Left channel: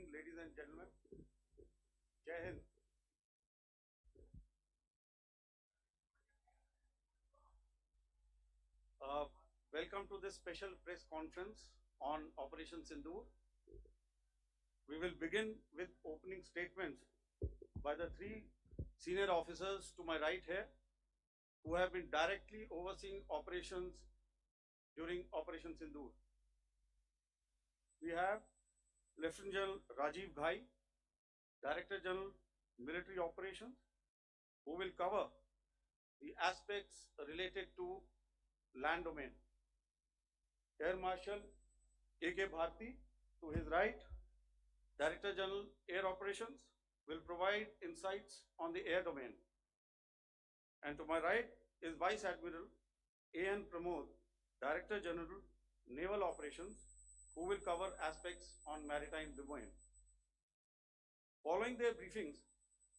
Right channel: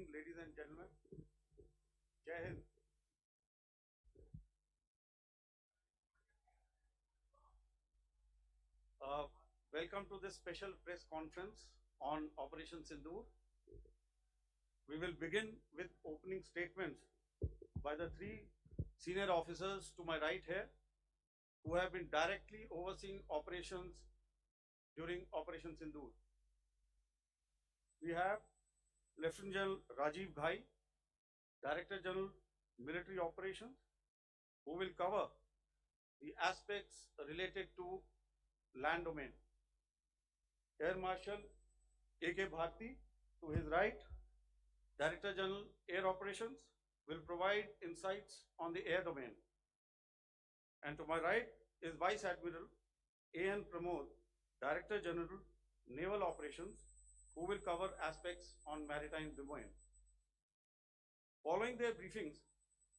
evening, ladies and gentlemen. Jai Hind. Welcome to this special press conference on Operation Sindoor. We will begin with opening statements by the three senior officers to my right here, who have been directly overseeing operations during Operation Sindoor. We have Lieutenant General Rajiv Ghai, Director General Military Operations, who will cover the aspects related to land domain. Air Marshal A.K. Bharti, to his right, Director General Air Operations, will provide insights on the air domain. And to my right is Vice Admiral A.N. Pramod, Director General Naval Operations, who will cover aspects on maritime domain. Following their briefings,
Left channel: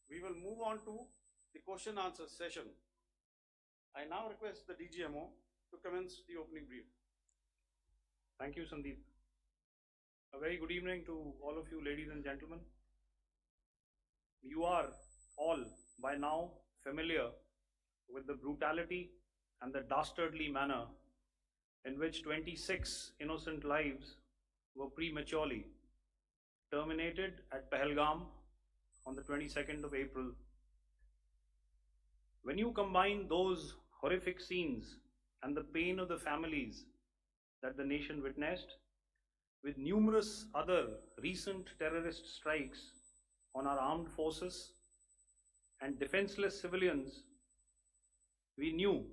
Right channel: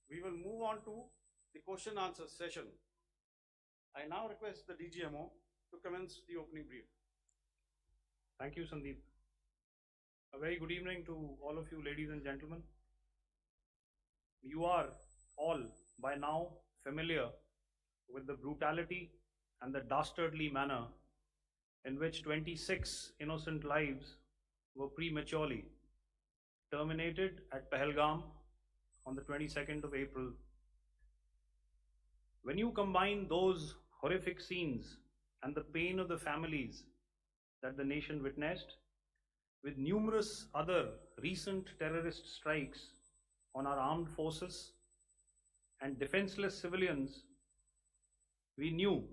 we will move on to the question answer session. I now request the DGMO to commence the opening brief. Thank you, Sandeep. A very good evening to all of you, ladies and gentlemen. You are all by now familiar with the brutality and the dastardly manner in which 26 innocent lives were prematurely terminated at Pahalgam on the 22nd of April. When you combine those horrific scenes and the pain of the families that the nation witnessed with numerous other recent terrorist strikes on our armed forces and defenseless civilians, we knew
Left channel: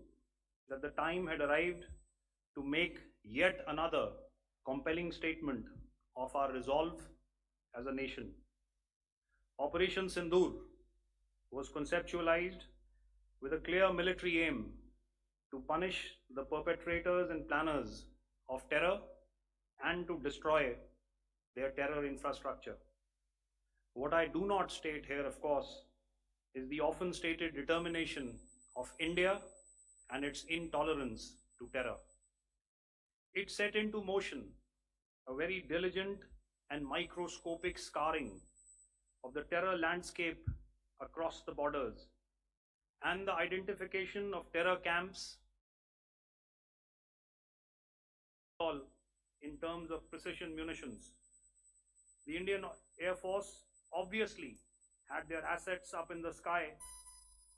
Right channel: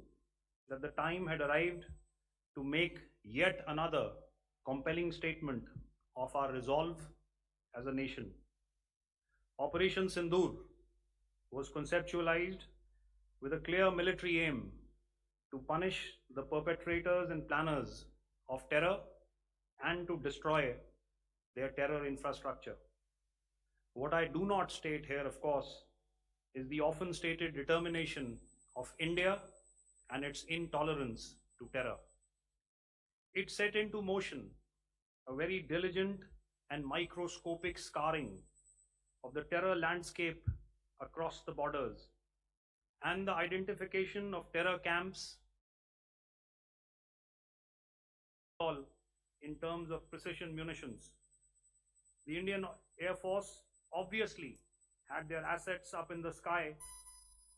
that the time had arrived to make yet another compelling statement of our resolve as a nation. Operation Sindoor was conceptualized with a clear military aim to punish the perpetrators and planners of terror and to destroy their terror infrastructure. What I do not state here, of course, is the often stated determination of India and its intolerance to terror. It set into motion a very diligent and microscopic scarring of the terror landscape across the borders and the identification of terror camps in terms of precision munitions. The Indian Air Force obviously had their assets up in the sky,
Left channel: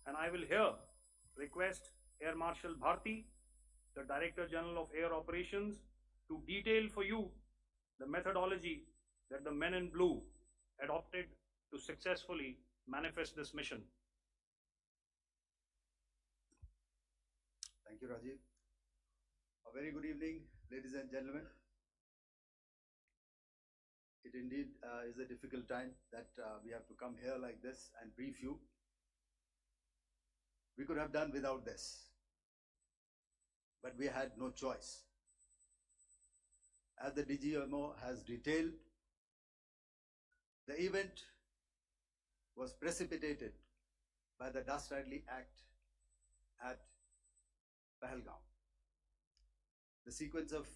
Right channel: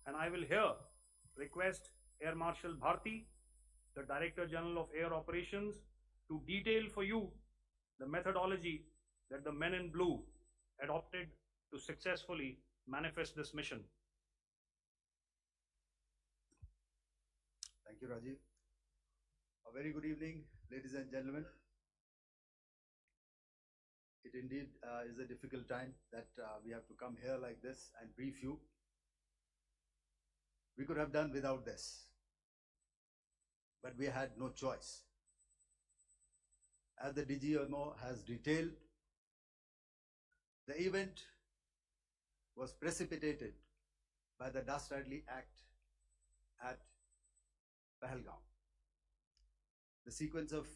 and I will here request Air Marshal Bharti, the Director General of Air Operations, to detail for you the methodology that the men in blue adopted to successfully manifest this mission. Thank you, Rajiv. A very good evening, ladies and gentlemen. It indeed is a difficult time that we have to come here like this and brief you. We could have done without this, but we had no choice. As the DGMO has detailed, the event was precipitated by the dastardly act at Pahalgam. The sequence of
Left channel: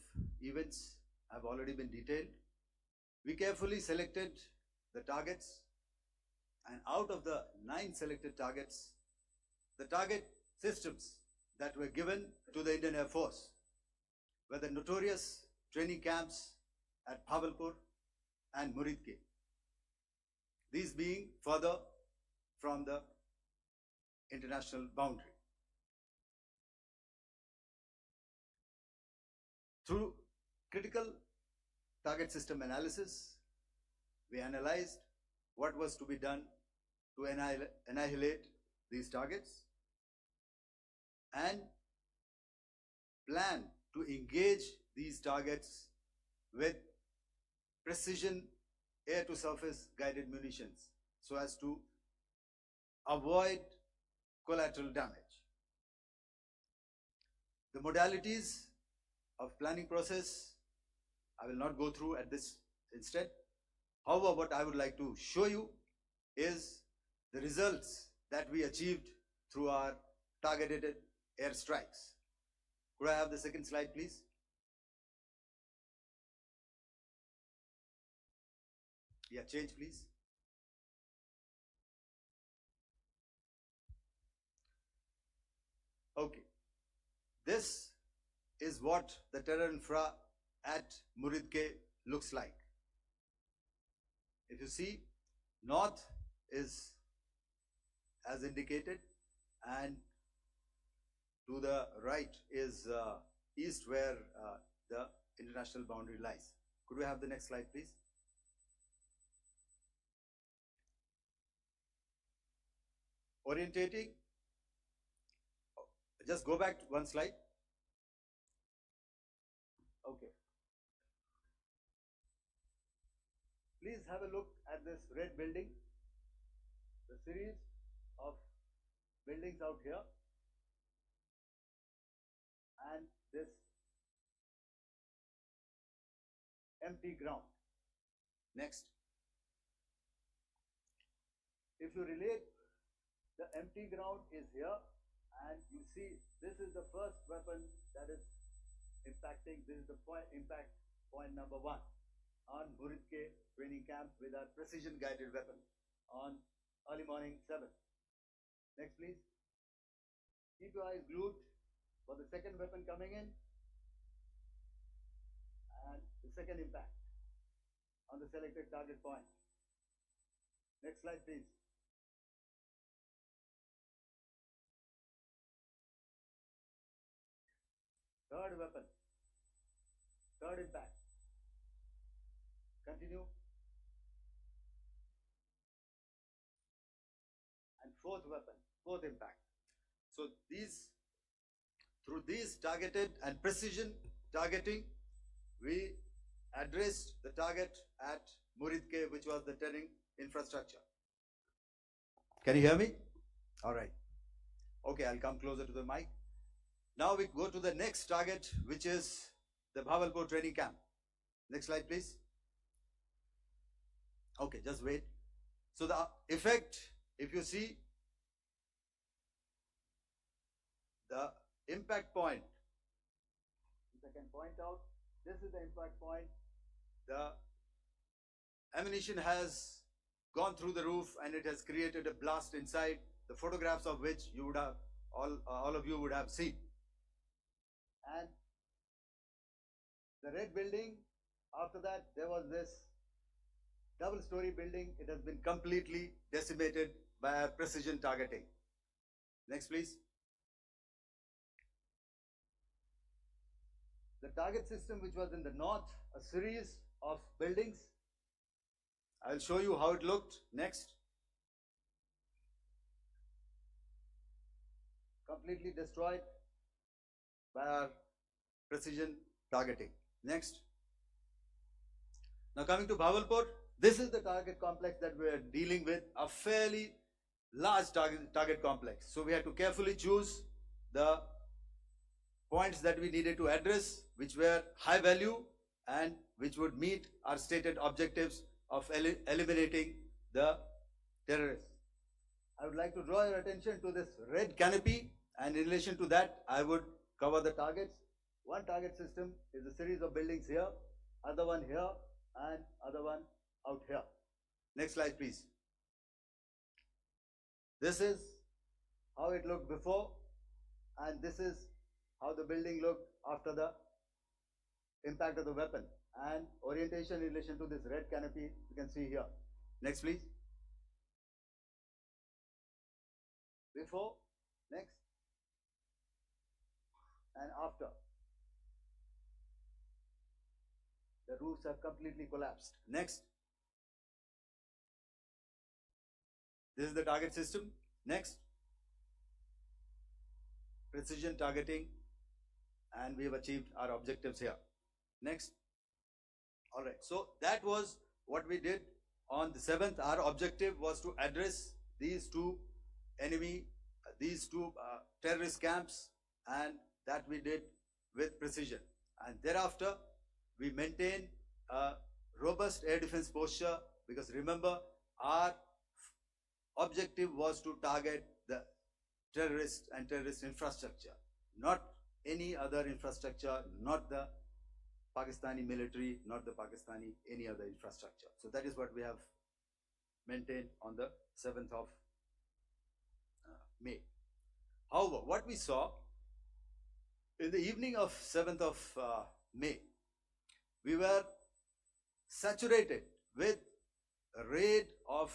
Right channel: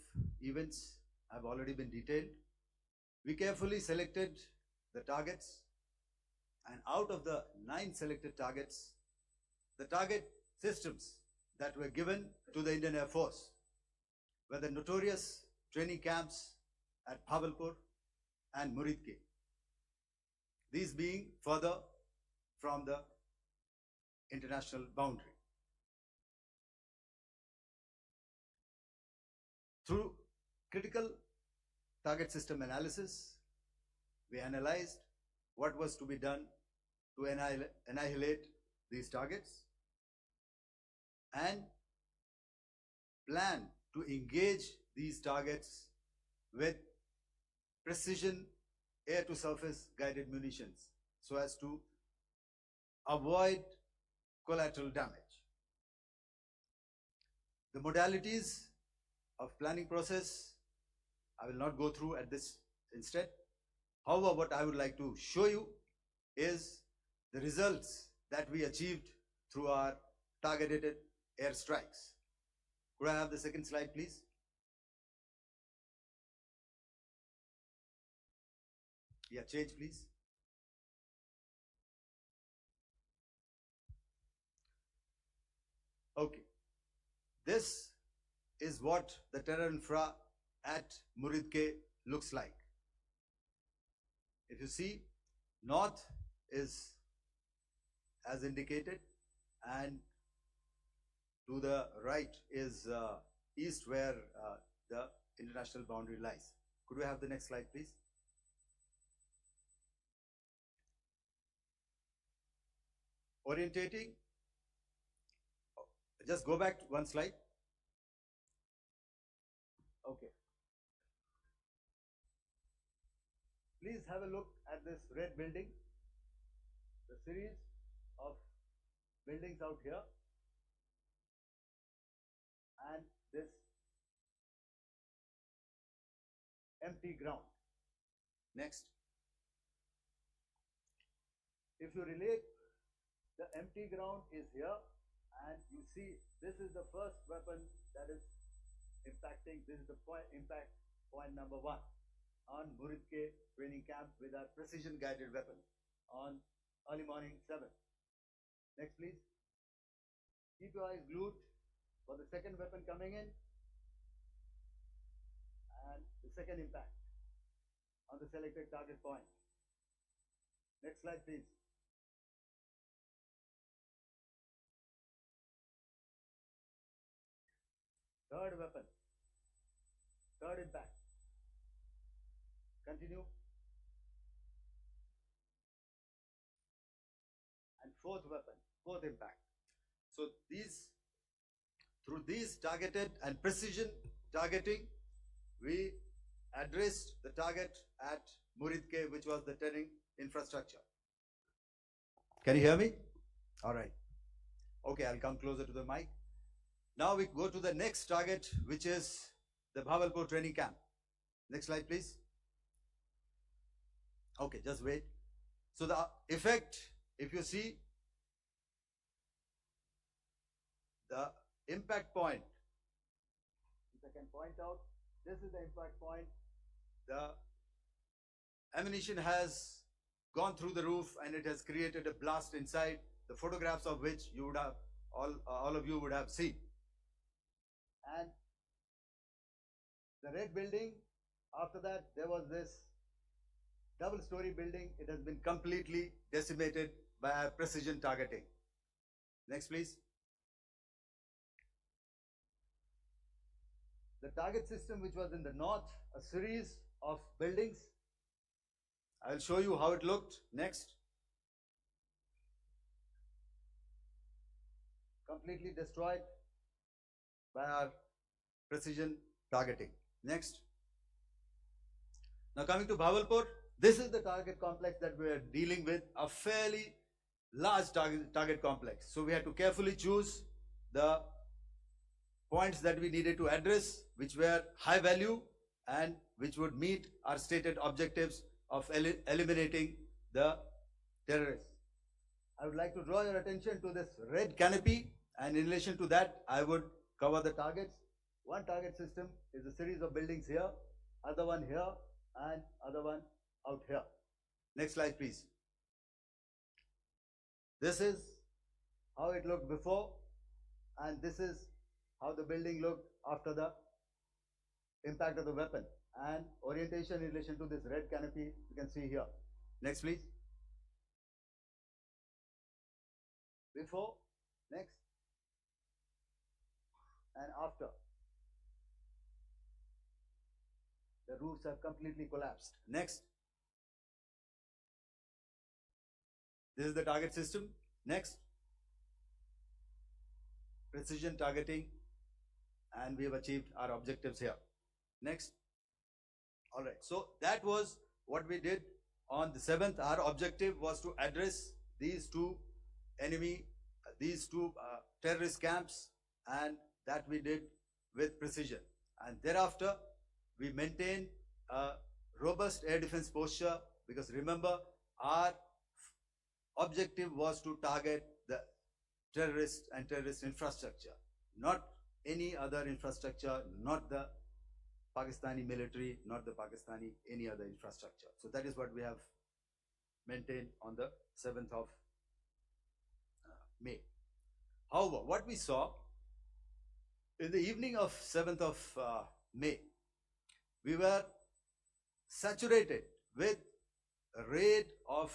events have already been detailed. We carefully selected the targets, and out of the 9 selected targets, the target systems that were given to the Indian Air Force were the notorious training camps at Bhavalpur and Muridke, these being further from the international boundary. Through critical target system analysis, we analyzed what was to be done to annihilate these targets and plan to engage these targets with precision air-to-surface guided munitions so as to avoid collateral damage. The modalities of planning process I will not go through at this instant. However, what I would like to show you is the results that we achieved through our targeted airstrikes. Could I have the second slide, please? Yeah, change please. Okay. This is what the terror infra at Muridke looks like. If you see, north is as indicated, and to the right is east, where the international boundary lies. Could we have the next slide, please? Orientating. Just go back one slide. Okay. Please have a look at this red building, the series of buildings out here, and this empty ground. Next. If you relate, the empty ground is here, and you see this is the first weapon that is impacting. This is the impact point number 1 on Muridke training camp with our precision guided weapon on early morning 7. Next please. Keep your eyes glued for the second weapon coming in and the second impact on the selected target point. Next slide please. Third weapon, third impact. Continue. And fourth weapon, fourth impact. So through these targeted and precision targeting, we addressed the target at Muridke, which was the terrain infrastructure. Can you hear me? All right. Okay, I'll come closer to the mic. Now we go to the next target, which is the Bhavalpur training camp. Next slide, please. Okay, just wait. So the effect, if you see, the impact point, if I can point out, this is the impact point. The ammunition has gone through the roof and it has created a blast inside, the photographs of which you would have, all of you would have seen. And the red building, after that there was this double-story building. It has been completely decimated by precision targeting. Next please. The target system, which was in the north, a series of buildings. I will show you how it looked. Next. Completely destroyed by our precision targeting. Next. Now coming to Bhavalpur, this is the target complex that we are dealing with, a fairly large target complex. So we had to carefully choose the points that we needed to address, which were high value and which would meet our stated objectives of eliminating the terrorists. I would like to draw your attention to this red canopy, and in relation to that, I would cover the targets. One target system is a series of buildings here, other one here, and other one out here. Next slide, please. This is how it looked before, and this is how the building looked after the impact of the weapon, and orientation in relation to this red canopy you can see here. Next please. Before, next, and after. The roofs have completely collapsed. Next. This is the target system. Next. Precision targeting, and we have achieved our objectives here. Next. All right. So that was what we did on the 7th. Our objective was to address these two terrorist camps, and that we did with precision. And thereafter, we maintained a robust air defense posture, because remember, our objective was to target the terrorist and terrorist infrastructure, not any other infrastructure, not the Pakistani military, not the Pakistani any other infrastructure. So that is what we have maintained on the 7th of May. However, what we saw in the evening of 7th of May, we were saturated with a raid of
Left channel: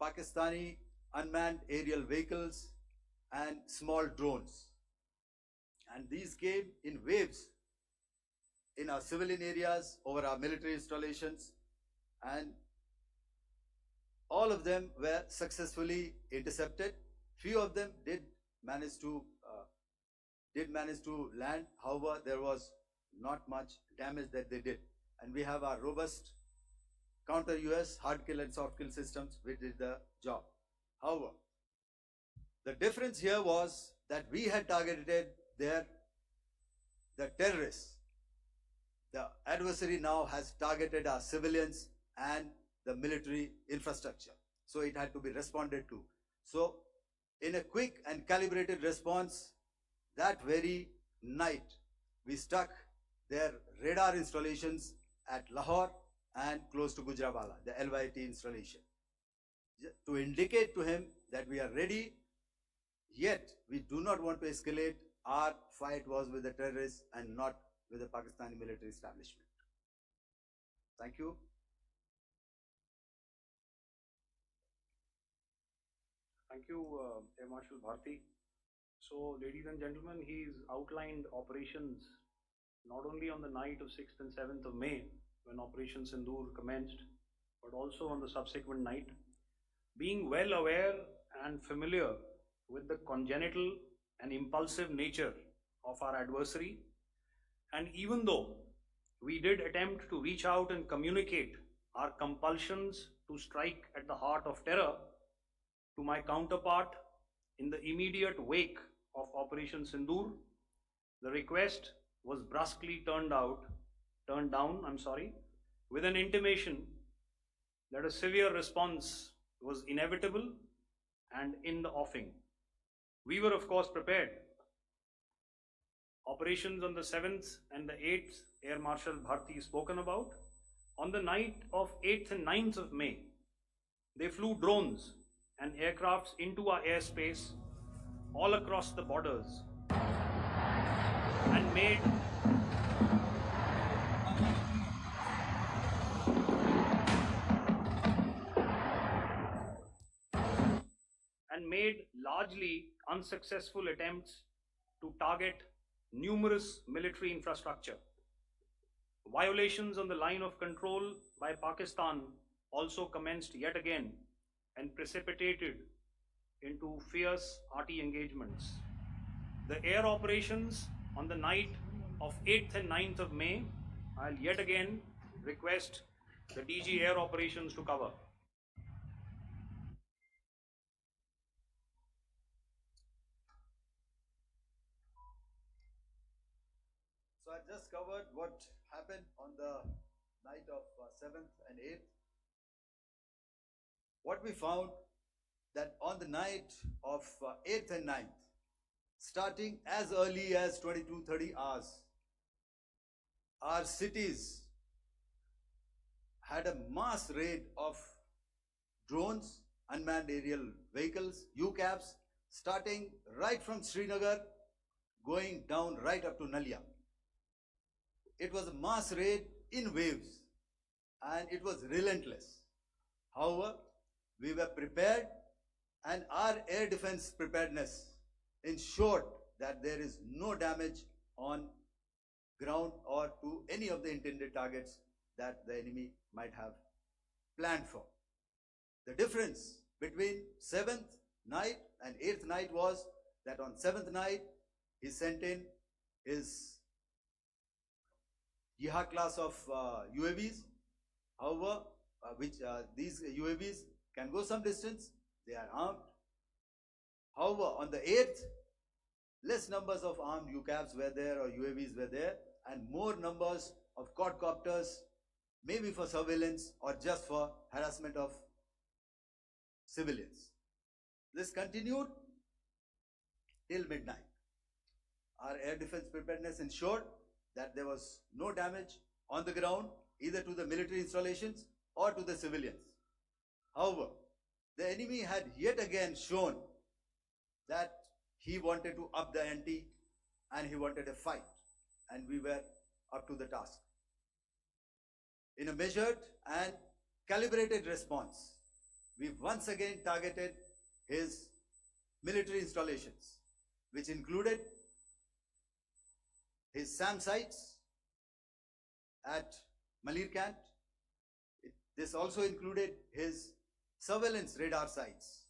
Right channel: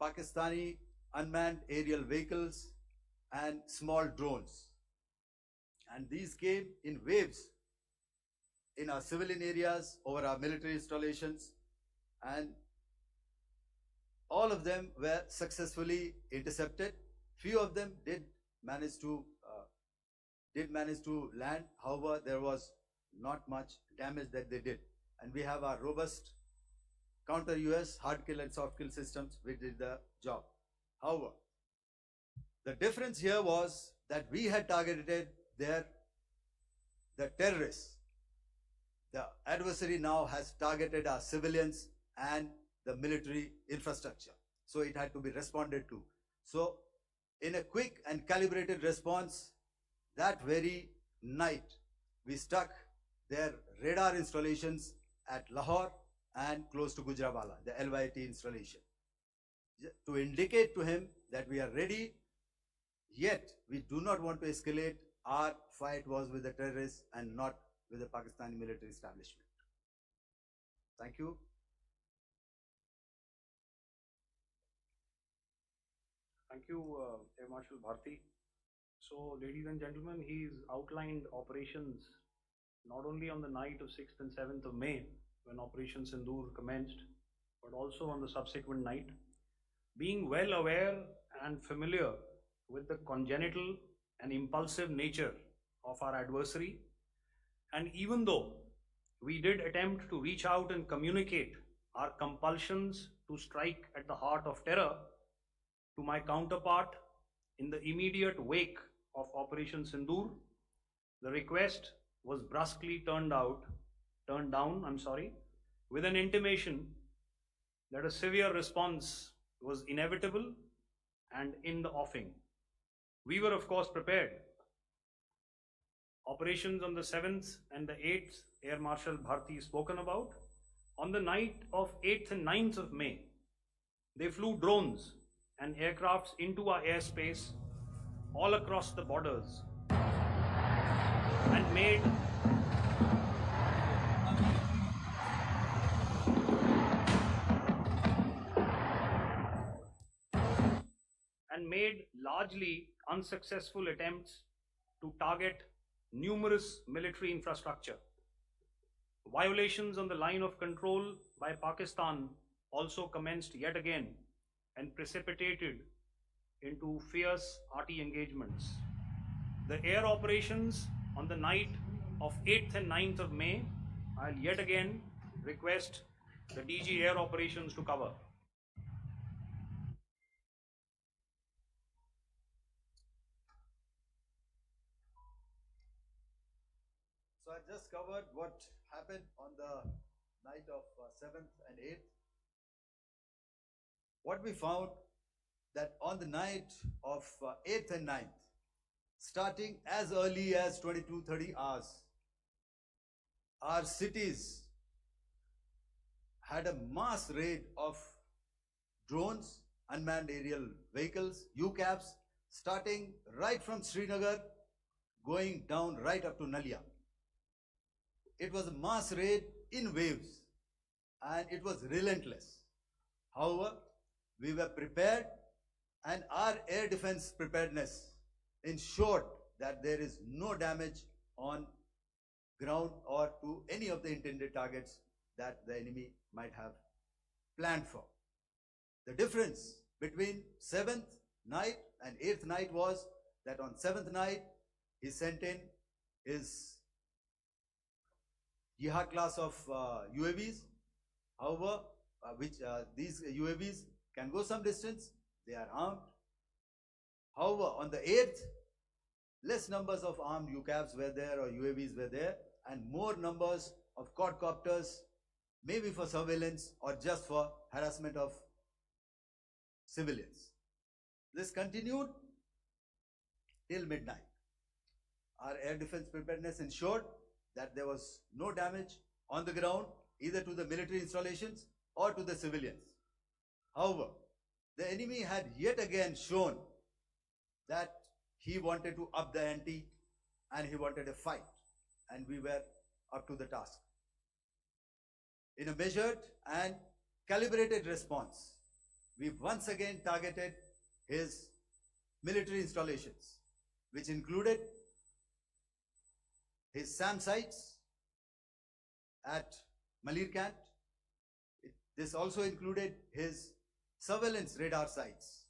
Pakistani unmanned aerial vehicles and small drones. And these came in waves in our civilian areas, over our military installations, and all of them were successfully intercepted. Few of them did manage to land. However, there was not much damage that they did, and we have our robust counter US hard kill and soft kill systems which did the job. However, the difference here was that we had targeted the terrorists. The adversary now has targeted our civilians and the military infrastructure. So it had to be responded to. So in a quick and calibrated response, that very night, we struck their radar installations at Lahore and close to Gujranwala, the LYT installation, to indicate to him that we are ready, yet we do not want to escalate. Our fight was with the terrorists and not with the Pakistani military establishment. Thank you. Thank you, Air Marshal Bharti. So, ladies and gentlemen, he's outlined operations not only on the night of 6th and 7th of May, when Operation Sindoor commenced, but also on the subsequent night. Being well aware and familiar with the congenital and impulsive nature of our adversary, and even though we did attempt to reach out and communicate our compulsions to strike at the heart of terror to my counterpart in the immediate wake of Operation Sindoor, the request was brusquely turned down, with an intimation that a severe response was inevitable and in the offing. We were of course prepared. Operations on the 7th and the 8th, Air Marshal Bharti spoken about. On the night of 8th and 9th of May, they flew drones and aircrafts into our airspace all across the borders and made largely unsuccessful attempts to target numerous military infrastructure. Violations on the line of control by Pakistan also commenced yet again and precipitated into fierce arty engagements. The air operations on the night of 8th and 9th of May, I'll yet again request the DG Air Operations to cover. So I just covered what happened on the night of 7th and 8th. What we found that on the night of 8th and 9th, starting as early as 22:30 hours, our cities had a mass raid of drones, unmanned aerial vehicles, UCAVs, starting right from Srinagar, going down right up to Nalia. It was a mass raid in waves and it was relentless. However, we were prepared and our air defense preparedness ensured that there is no damage on ground or to any of the intended targets that the enemy might have planned for. The difference between 7th night and 8th night was that on 7th night, he sent in his Jihad class of UAVs. However, these UAVs can go some distance, they are armed. However, on the 8th, less numbers of armed UCAVs were there or UAVs were there, and more numbers of quadcopters, maybe for surveillance or just for harassment of civilians. This continued till midnight. Our air defense preparedness ensured that there was no damage on the ground, either to the military installations or to the civilians. However, the enemy had yet again shown that he wanted to up the ante and he wanted a fight, and we were up to the task. In a measured and calibrated response, we once again targeted his military installations, which included his SAM sites at Malirkant. This also included his surveillance radar sites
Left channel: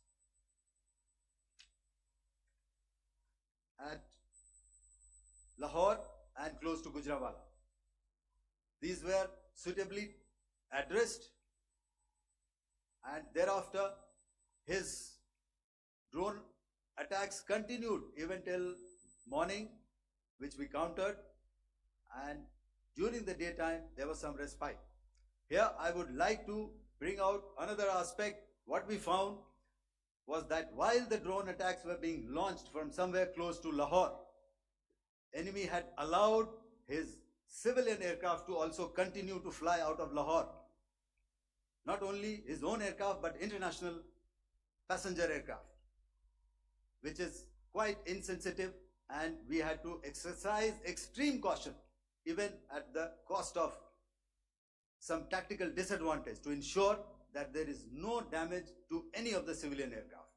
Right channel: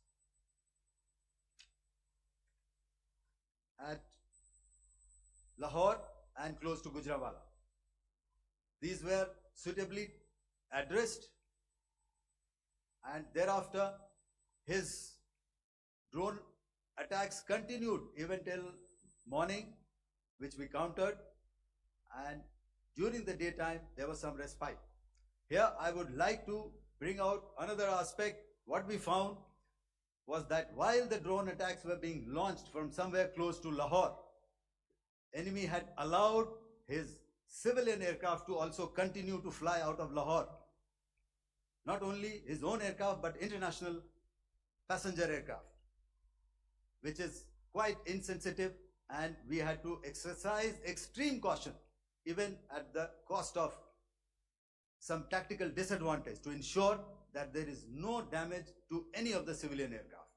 at Lahore and close to Gujranwala. These were suitably addressed, and thereafter his drone attacks continued even till morning, which we countered, and during the daytime there was some respite. Here I would like to bring out another aspect. What we found was that while the drone attacks were being launched from somewhere close to Lahore, enemy had allowed his civilian aircraft to also continue to fly out of Lahore. Not only his own aircraft, but international passenger aircraft, which is quite insensitive, and we had to exercise extreme caution, even at the cost of some tactical disadvantage, to ensure that there is no damage to any of the civilian aircraft.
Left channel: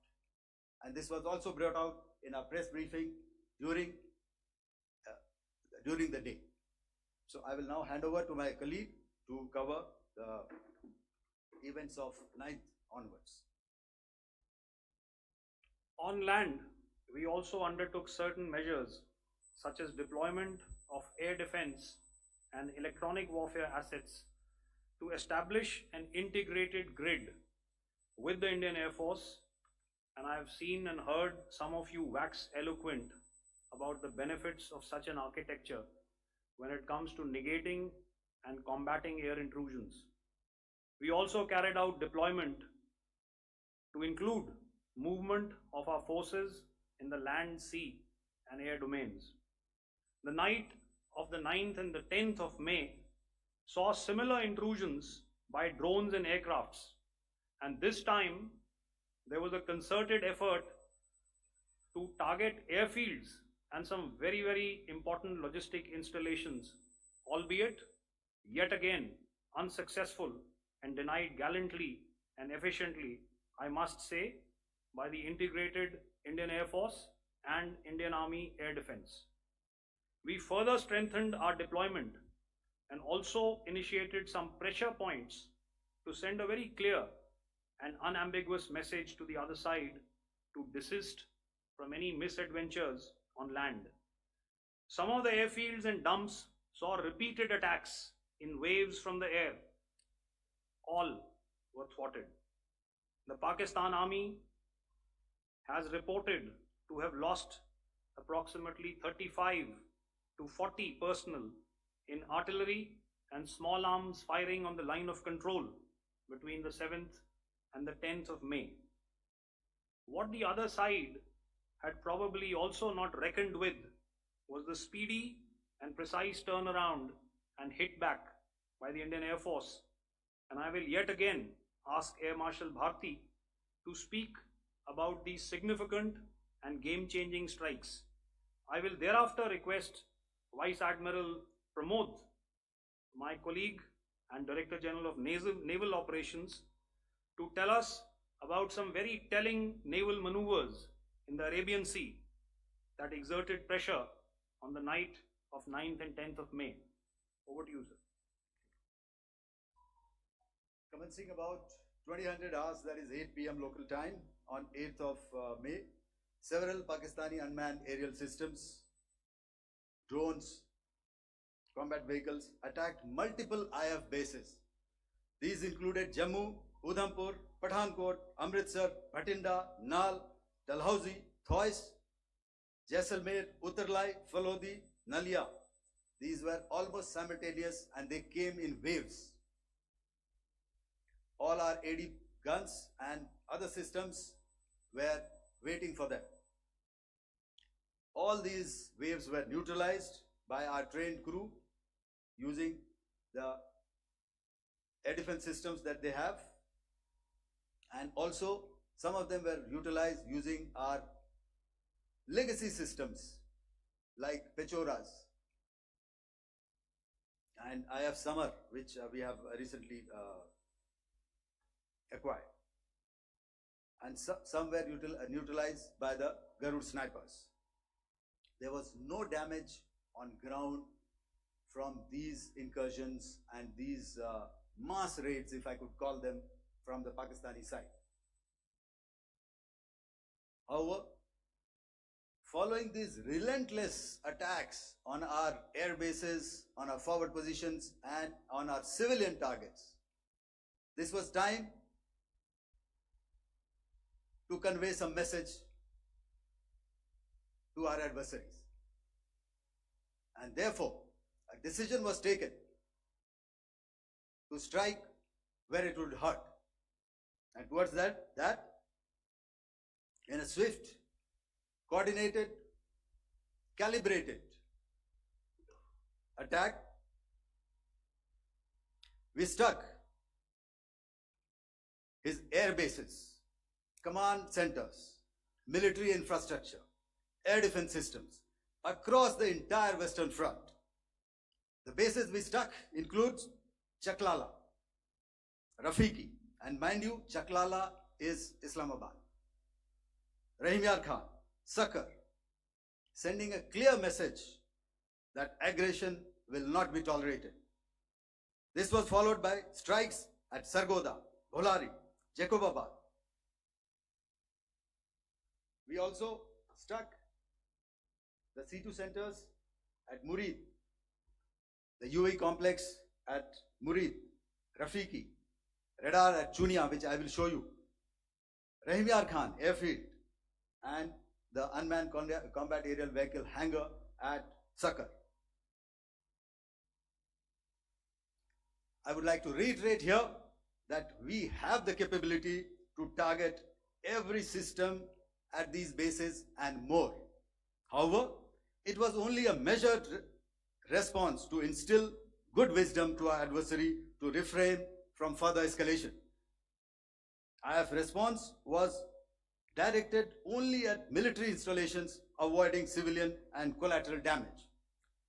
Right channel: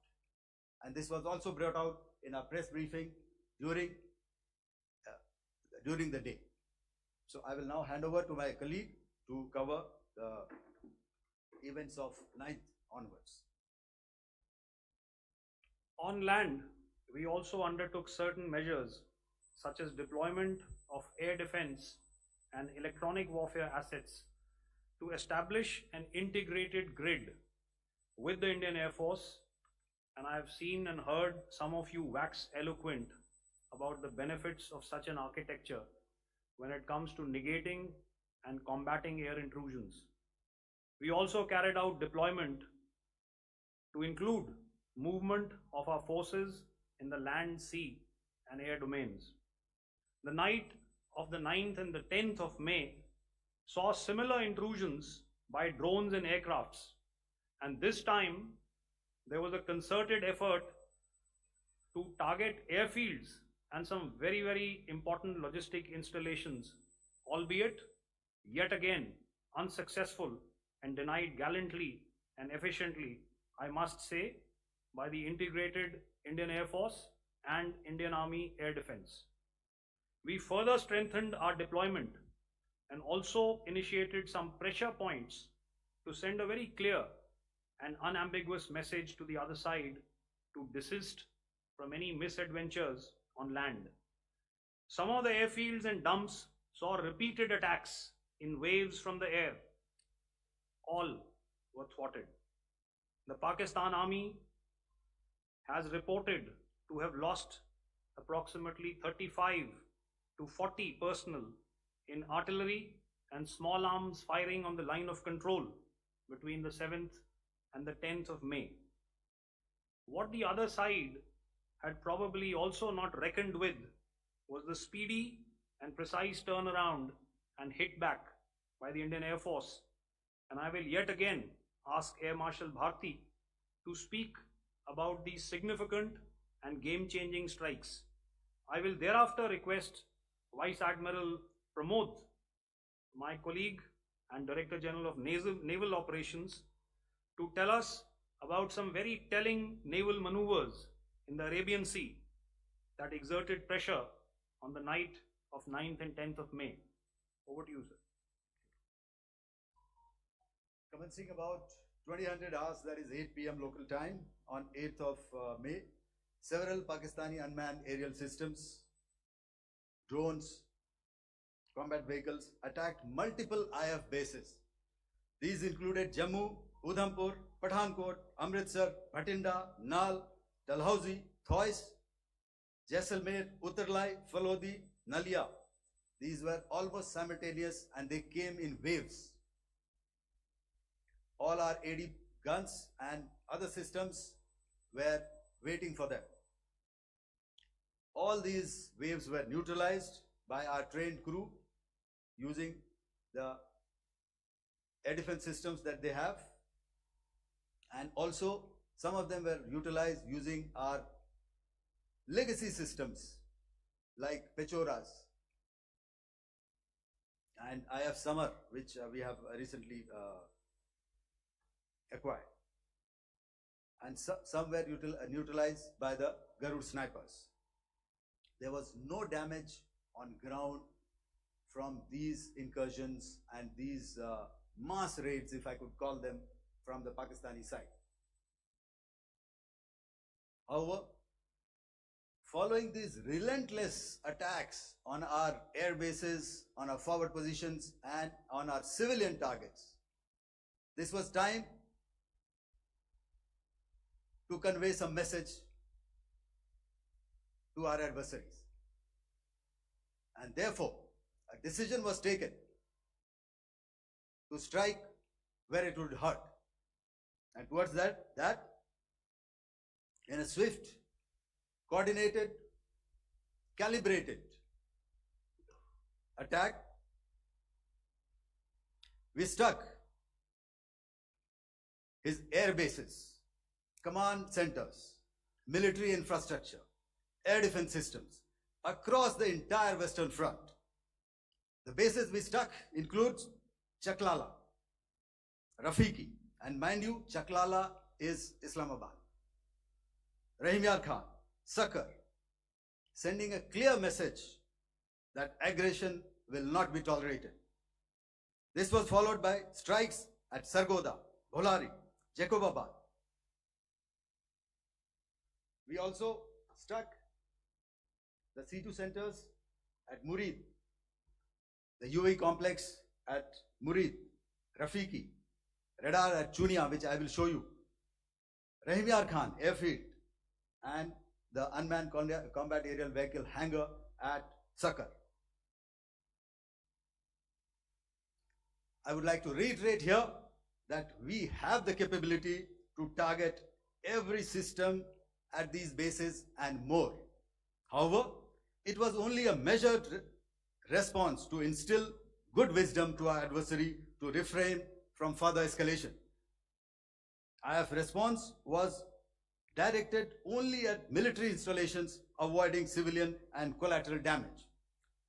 And this was also brought out in our press briefing during the day. So I will now hand over to my colleague to cover the events of 9th onwards. On land, we also undertook certain measures such as deployment of air defense and electronic warfare assets to establish an integrated grid with the Indian Air Force, and I have seen and heard some of you wax eloquent about the benefits of such an architecture when it comes to negating and combating air intrusions. We also carried out deployment to include movement of our forces in the land, sea and air domains. The night of the 9th and the 10th of May saw similar intrusions by drones and aircrafts, and this time there was a concerted effort to target airfields and some very, very important logistic installations, albeit yet again unsuccessful and denied gallantly and efficiently, I must say, by the integrated Indian Air Force and Indian Army Air Defense. We further strengthened our deployment and also initiated some pressure points to send a very clear and unambiguous message to the other side to desist from any misadventures on land. Some of the airfields and dumps saw repeated attacks in waves from the air. All were thwarted. The Pakistan Army has reported to have lost approximately 35 to 40 personnel in artillery and small arms firing on the line of control between the 7th and the 10th of May. What the other side had probably also not reckoned with was the speedy and precise turnaround and hit back by the Indian Air Force. And I will yet again ask Air Marshal Bharti to speak about these significant and game-changing strikes. I will thereafter request Vice Admiral Pramod, my colleague and Director General of Naval Operations, to tell us about some very telling naval maneuvers in the Arabian Sea that exerted pressure on the night of 9th and 10th of May. Over to you, sir. Commencing about 2000 hours, that is 8 p.m. local time, on 8th of May, several Pakistani unmanned aerial systems, drones, combat vehicles attacked multiple IF bases. These included Jammu, Udhampur, Pathankot, Amritsar, Bhatinda, Naval, Dalhousie, Thois, Jaisalmer, Uttarlai, Falodi, Nalia. These were almost simultaneous and they came in waves. All our AD guns and other systems were waiting for them. All these waves were neutralized by our trained crew using the air defense systems that they have. And also, some of them were utilized using our legacy systems like Pechoras and IF Summer, which we have recently acquired. And some were utilized by the Garud snipers. There was no damage on ground from these incursions and these mass raids, if I could call them, from the Pakistani side. However, following these relentless attacks on our air bases, on our forward positions, and on our civilian targets, this was time to convey some message to our adversaries. And therefore, a decision was taken to strike where it would hurt. And towards that in a swift, coordinated, calibrated attack, we struck his air bases, command centers, military infrastructure, air defense systems across the entire Western Front. The bases we struck includes Chaklala, Rafiki, and mind you, Chaklala is Islamabad. Rahim Yar Khan, Shankar, sending a clear message that aggression will not be tolerated. This was followed by strikes at Sargoda, Bholari, Jacobabad. We also struck the C2 centers at Murid, the UAE complex at Murid, Rafiki, radar at Chunia, which I will show you, Rahim Yar Khan airfield, and the unmanned combat aerial vehicle hangar at Shankar. I would like to reiterate here that we have the capability to target every system at these bases and more. However, it was only a measured response to instill good wisdom to our adversary to refrain from further escalation. IF response was directed only at military installations, avoiding civilian and collateral damage.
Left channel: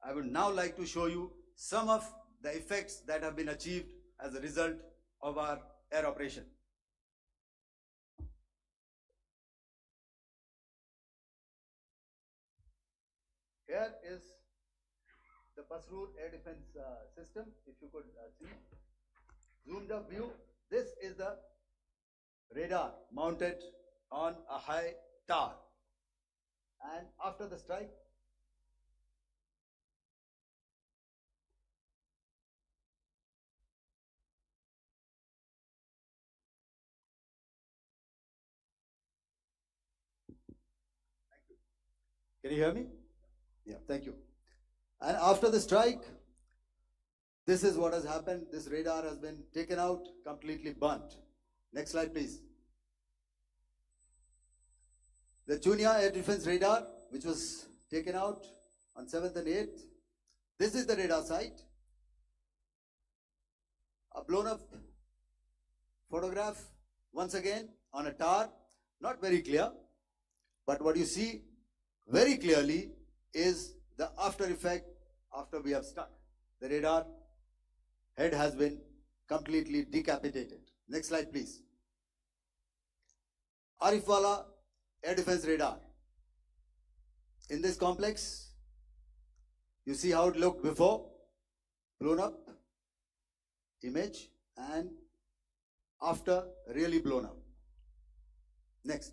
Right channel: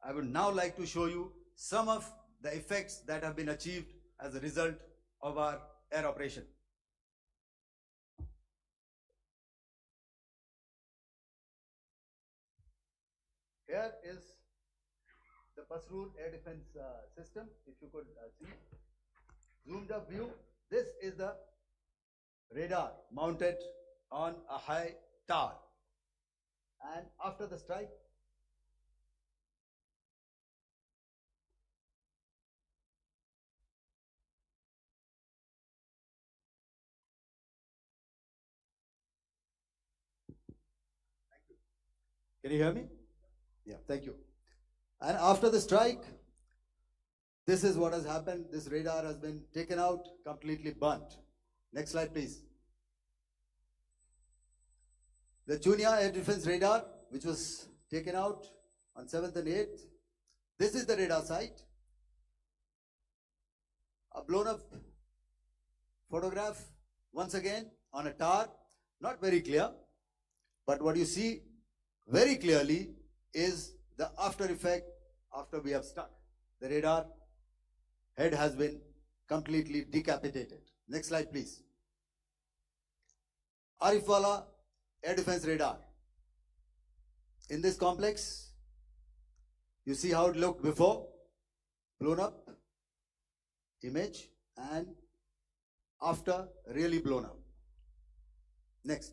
I would now like to show you some of the effects that have been achieved as a result of our air operation. Here is the Pasroor air defense system. If you could see, zoomed up view. This is the radar mounted on a high tower. And after the strike, can you hear me? Yeah, thank you. And after the strike, this is what has happened. This radar has been taken out, completely burnt. Next slide, please. The Chunia air defense radar, which was taken out on 7th and 8th. This is the radar site. A blown up photograph, once again, on a tower. Not very clear, but what you see very clearly is the after effect after we have struck. The radar head has been completely decapitated. Next slide, please. Arifwala air defense radar. In this complex, you see how it looked before, blown up image, and after really blown up. Next.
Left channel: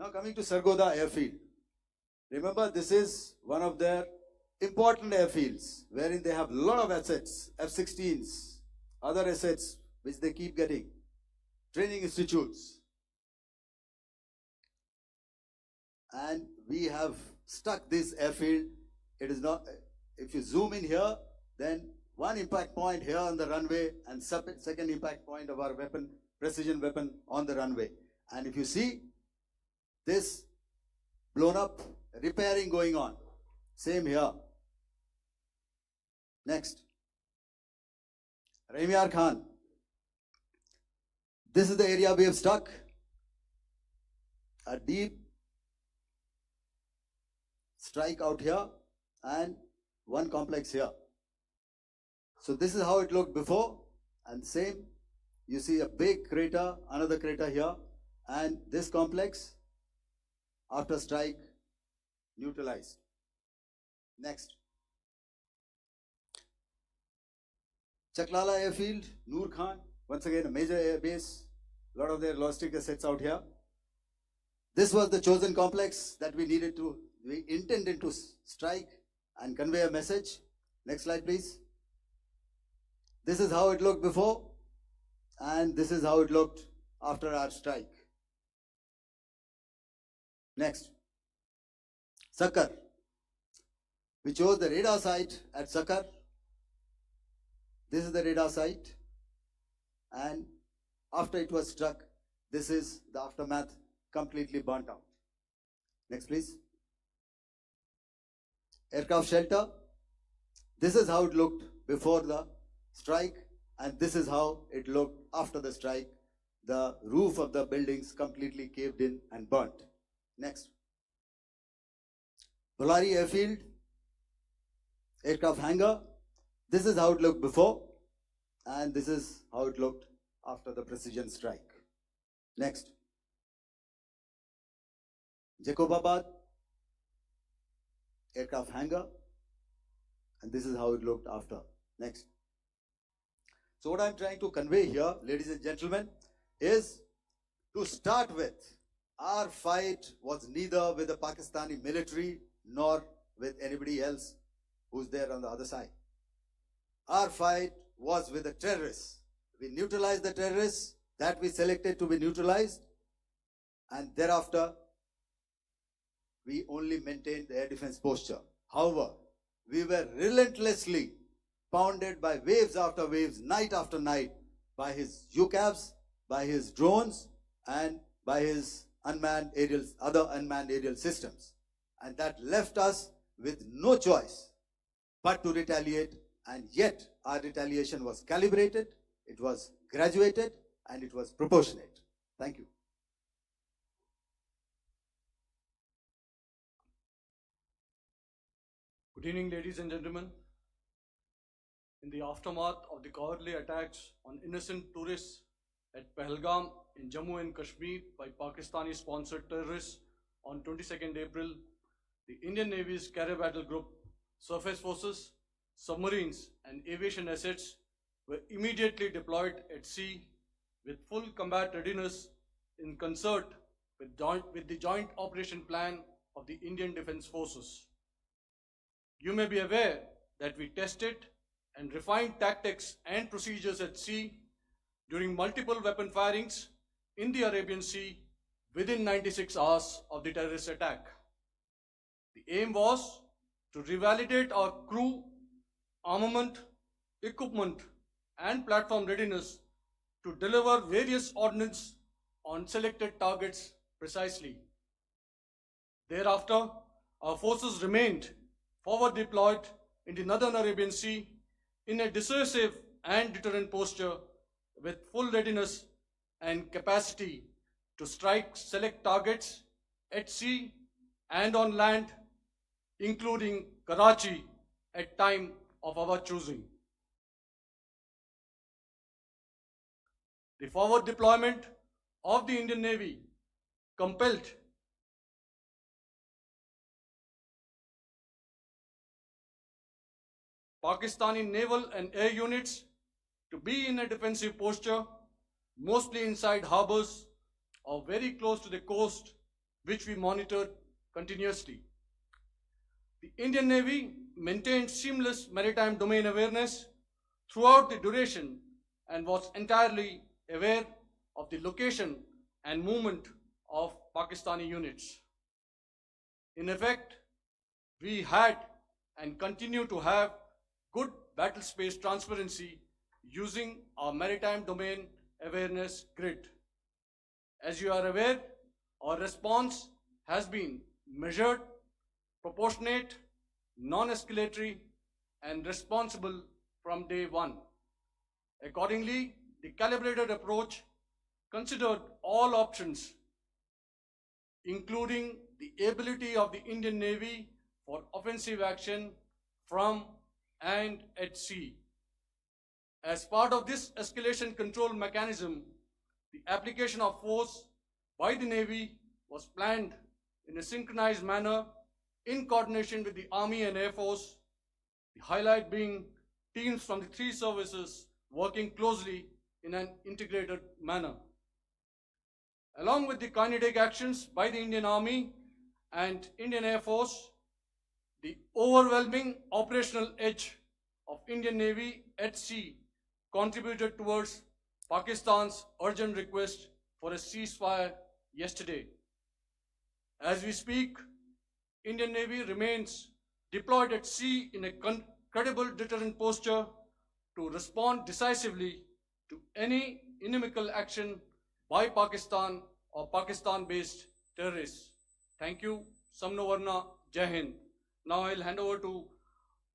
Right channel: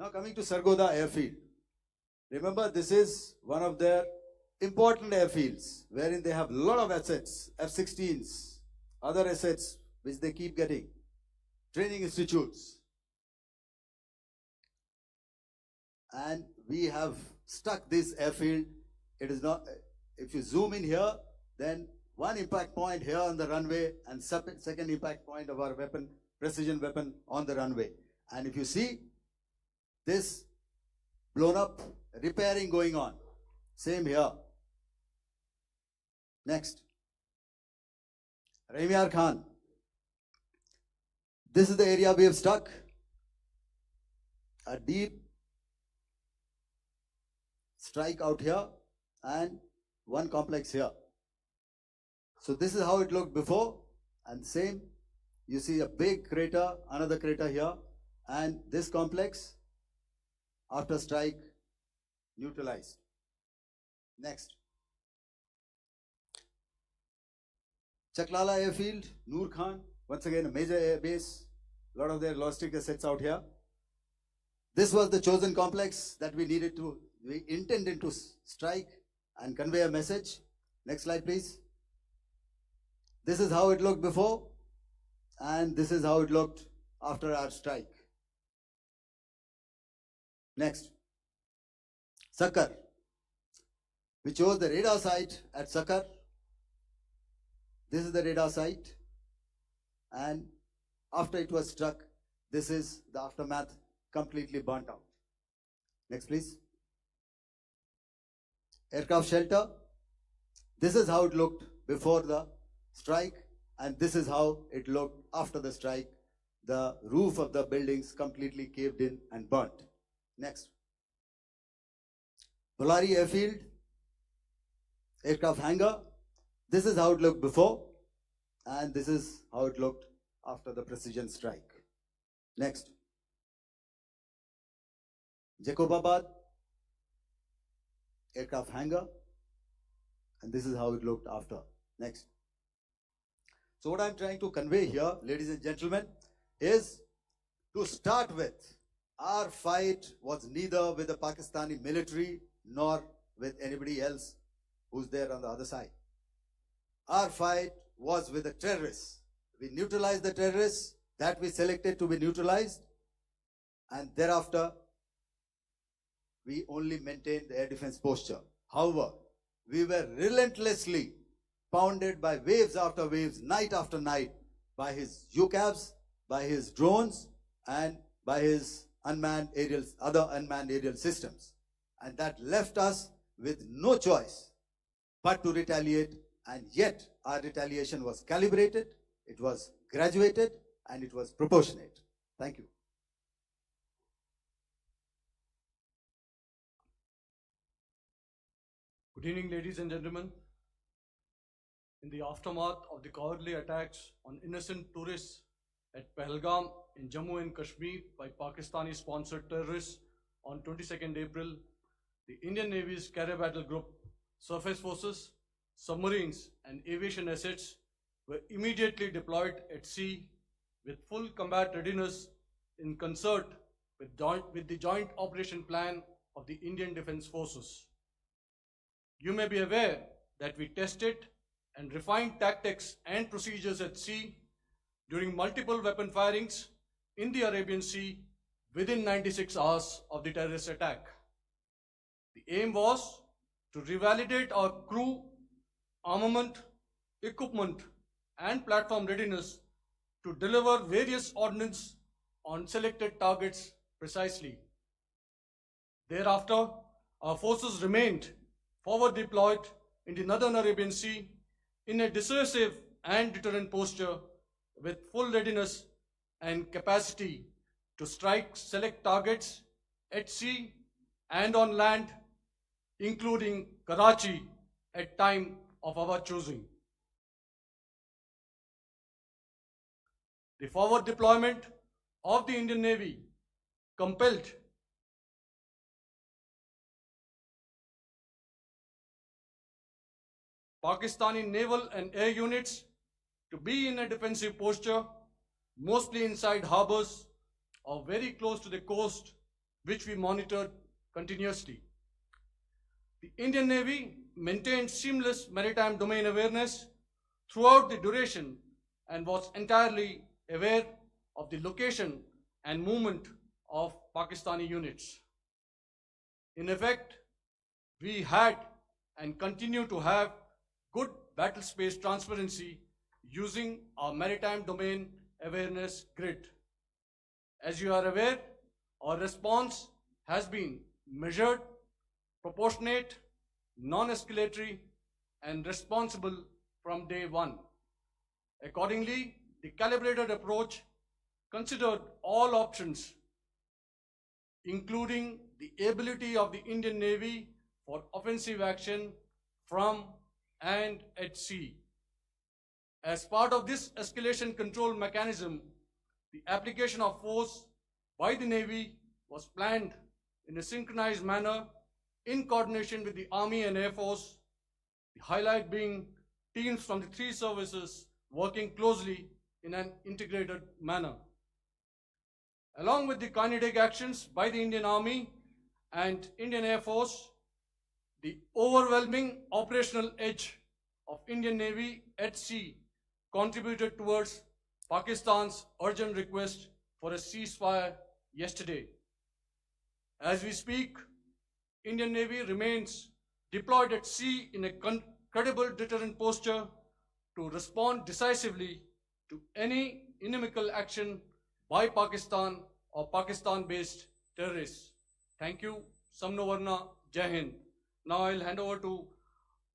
Now coming to Sargoda airfield. Remember, this is one of their important airfields wherein they have a lot of assets, F-16s, other assets which they keep getting, training institutes. And we have stuck this airfield. It is not, if you zoom in here, then one impact point here on the runway and second impact point of our weapon, precision weapon on the runway. And if you see this blown up, repairing going on. Same here. Next. Rahim Yar Khan. This is the area we have struck. A deep strike out here and one complex here. So this is how it looked before, and same. You see a big crater, another crater here, and this complex after strike neutralized. Next. Chaklala airfield, Noor Khan, once again a major air base, a lot of their logistic assets out here. This was the chosen complex that we intended to strike and convey a message. Next slide, please. This is how it looked before, and this is how it looked after our strike. Next. Shankar. We chose the radar site at Shankar. This is the radar site, and after it was struck, this is the aftermath, completely burnt out. Next, please. Aircraft shelter. This is how it looked before the strike, and this is how it looked after the strike. The roof of the buildings completely caved in and burnt. Next. Bolari airfield, aircraft hangar. This is how it looked before, and this is how it looked after the precision strike. Next. Jacobabad, aircraft hangar, and this is how it looked after. Next. So what I'm trying to convey here, ladies and gentlemen, is to start with, our fight was neither with the Pakistani military nor with anybody else who's there on the other side. Our fight was with the terrorists. We neutralized the terrorists that we selected to be neutralized, and thereafter we only maintained the air defense posture. However, we were relentlessly pounded by waves after waves, night after night, by his UCAVs, by his drones, and by his other unmanned aerial systems. And that left us with no choice but to retaliate, and yet our retaliation was calibrated, it was graduated, and it was proportionate. Thank you. Good evening, ladies and gentlemen. In the aftermath of the cowardly attacks on innocent tourists at Pahalgam in Jammu and Kashmir by Pakistani-sponsored terrorists on 22nd April, the Indian Navy's Carrier Battle Group, surface forces, submarines, and aviation assets were immediately deployed at sea with full combat readiness in concert with the Joint Operation Plan of the Indian Defence Forces. You may be aware that we tested and refined tactics and procedures at sea during multiple weapon firings in the Arabian Sea within 96 hours of the terrorist attack. The aim was to revalidate our crew, armament, equipment, and platform readiness to deliver various ordnance on selected targets precisely. Thereafter, our forces remained forward deployed in the Northern Arabian Sea in a dissuasive and deterrent posture with full readiness and capacity to strike select targets at sea and on land, including Karachi at time of our choosing. The forward deployment of the Indian Navy compelled Pakistani naval and air units to be in a defensive posture, mostly inside harbors or very close to the coast, which we monitored continuously. The Indian Navy maintained seamless maritime domain awareness throughout the duration and was entirely aware of the location and movement of Pakistani units. In effect, we had and continue to have good battle space transparency using our maritime domain awareness grid. As you are aware, our response has been measured, proportionate, non-escalatory, and responsible from day one. Accordingly, the calibrated approach considered all options, including the ability of the Indian Navy for offensive action from and at sea. As part of this escalation control mechanism, the application of force by the Navy was planned in a synchronized manner in coordination with the Army and Air Force, the highlight being teams from the three services working closely in an integrated manner. Along with the kinetic actions by the Indian Army and Indian Air Force, the overwhelming operational edge of Indian Navy at sea contributed towards Pakistan's urgent request for a ceasefire yesterday. As we speak, Indian Navy remains deployed at sea in a credible deterrent posture to respond decisively to any inimical action by Pakistan or Pakistan-based terrorists. Thank you. Samno Varna, Jai Hind. Now I'll hand over to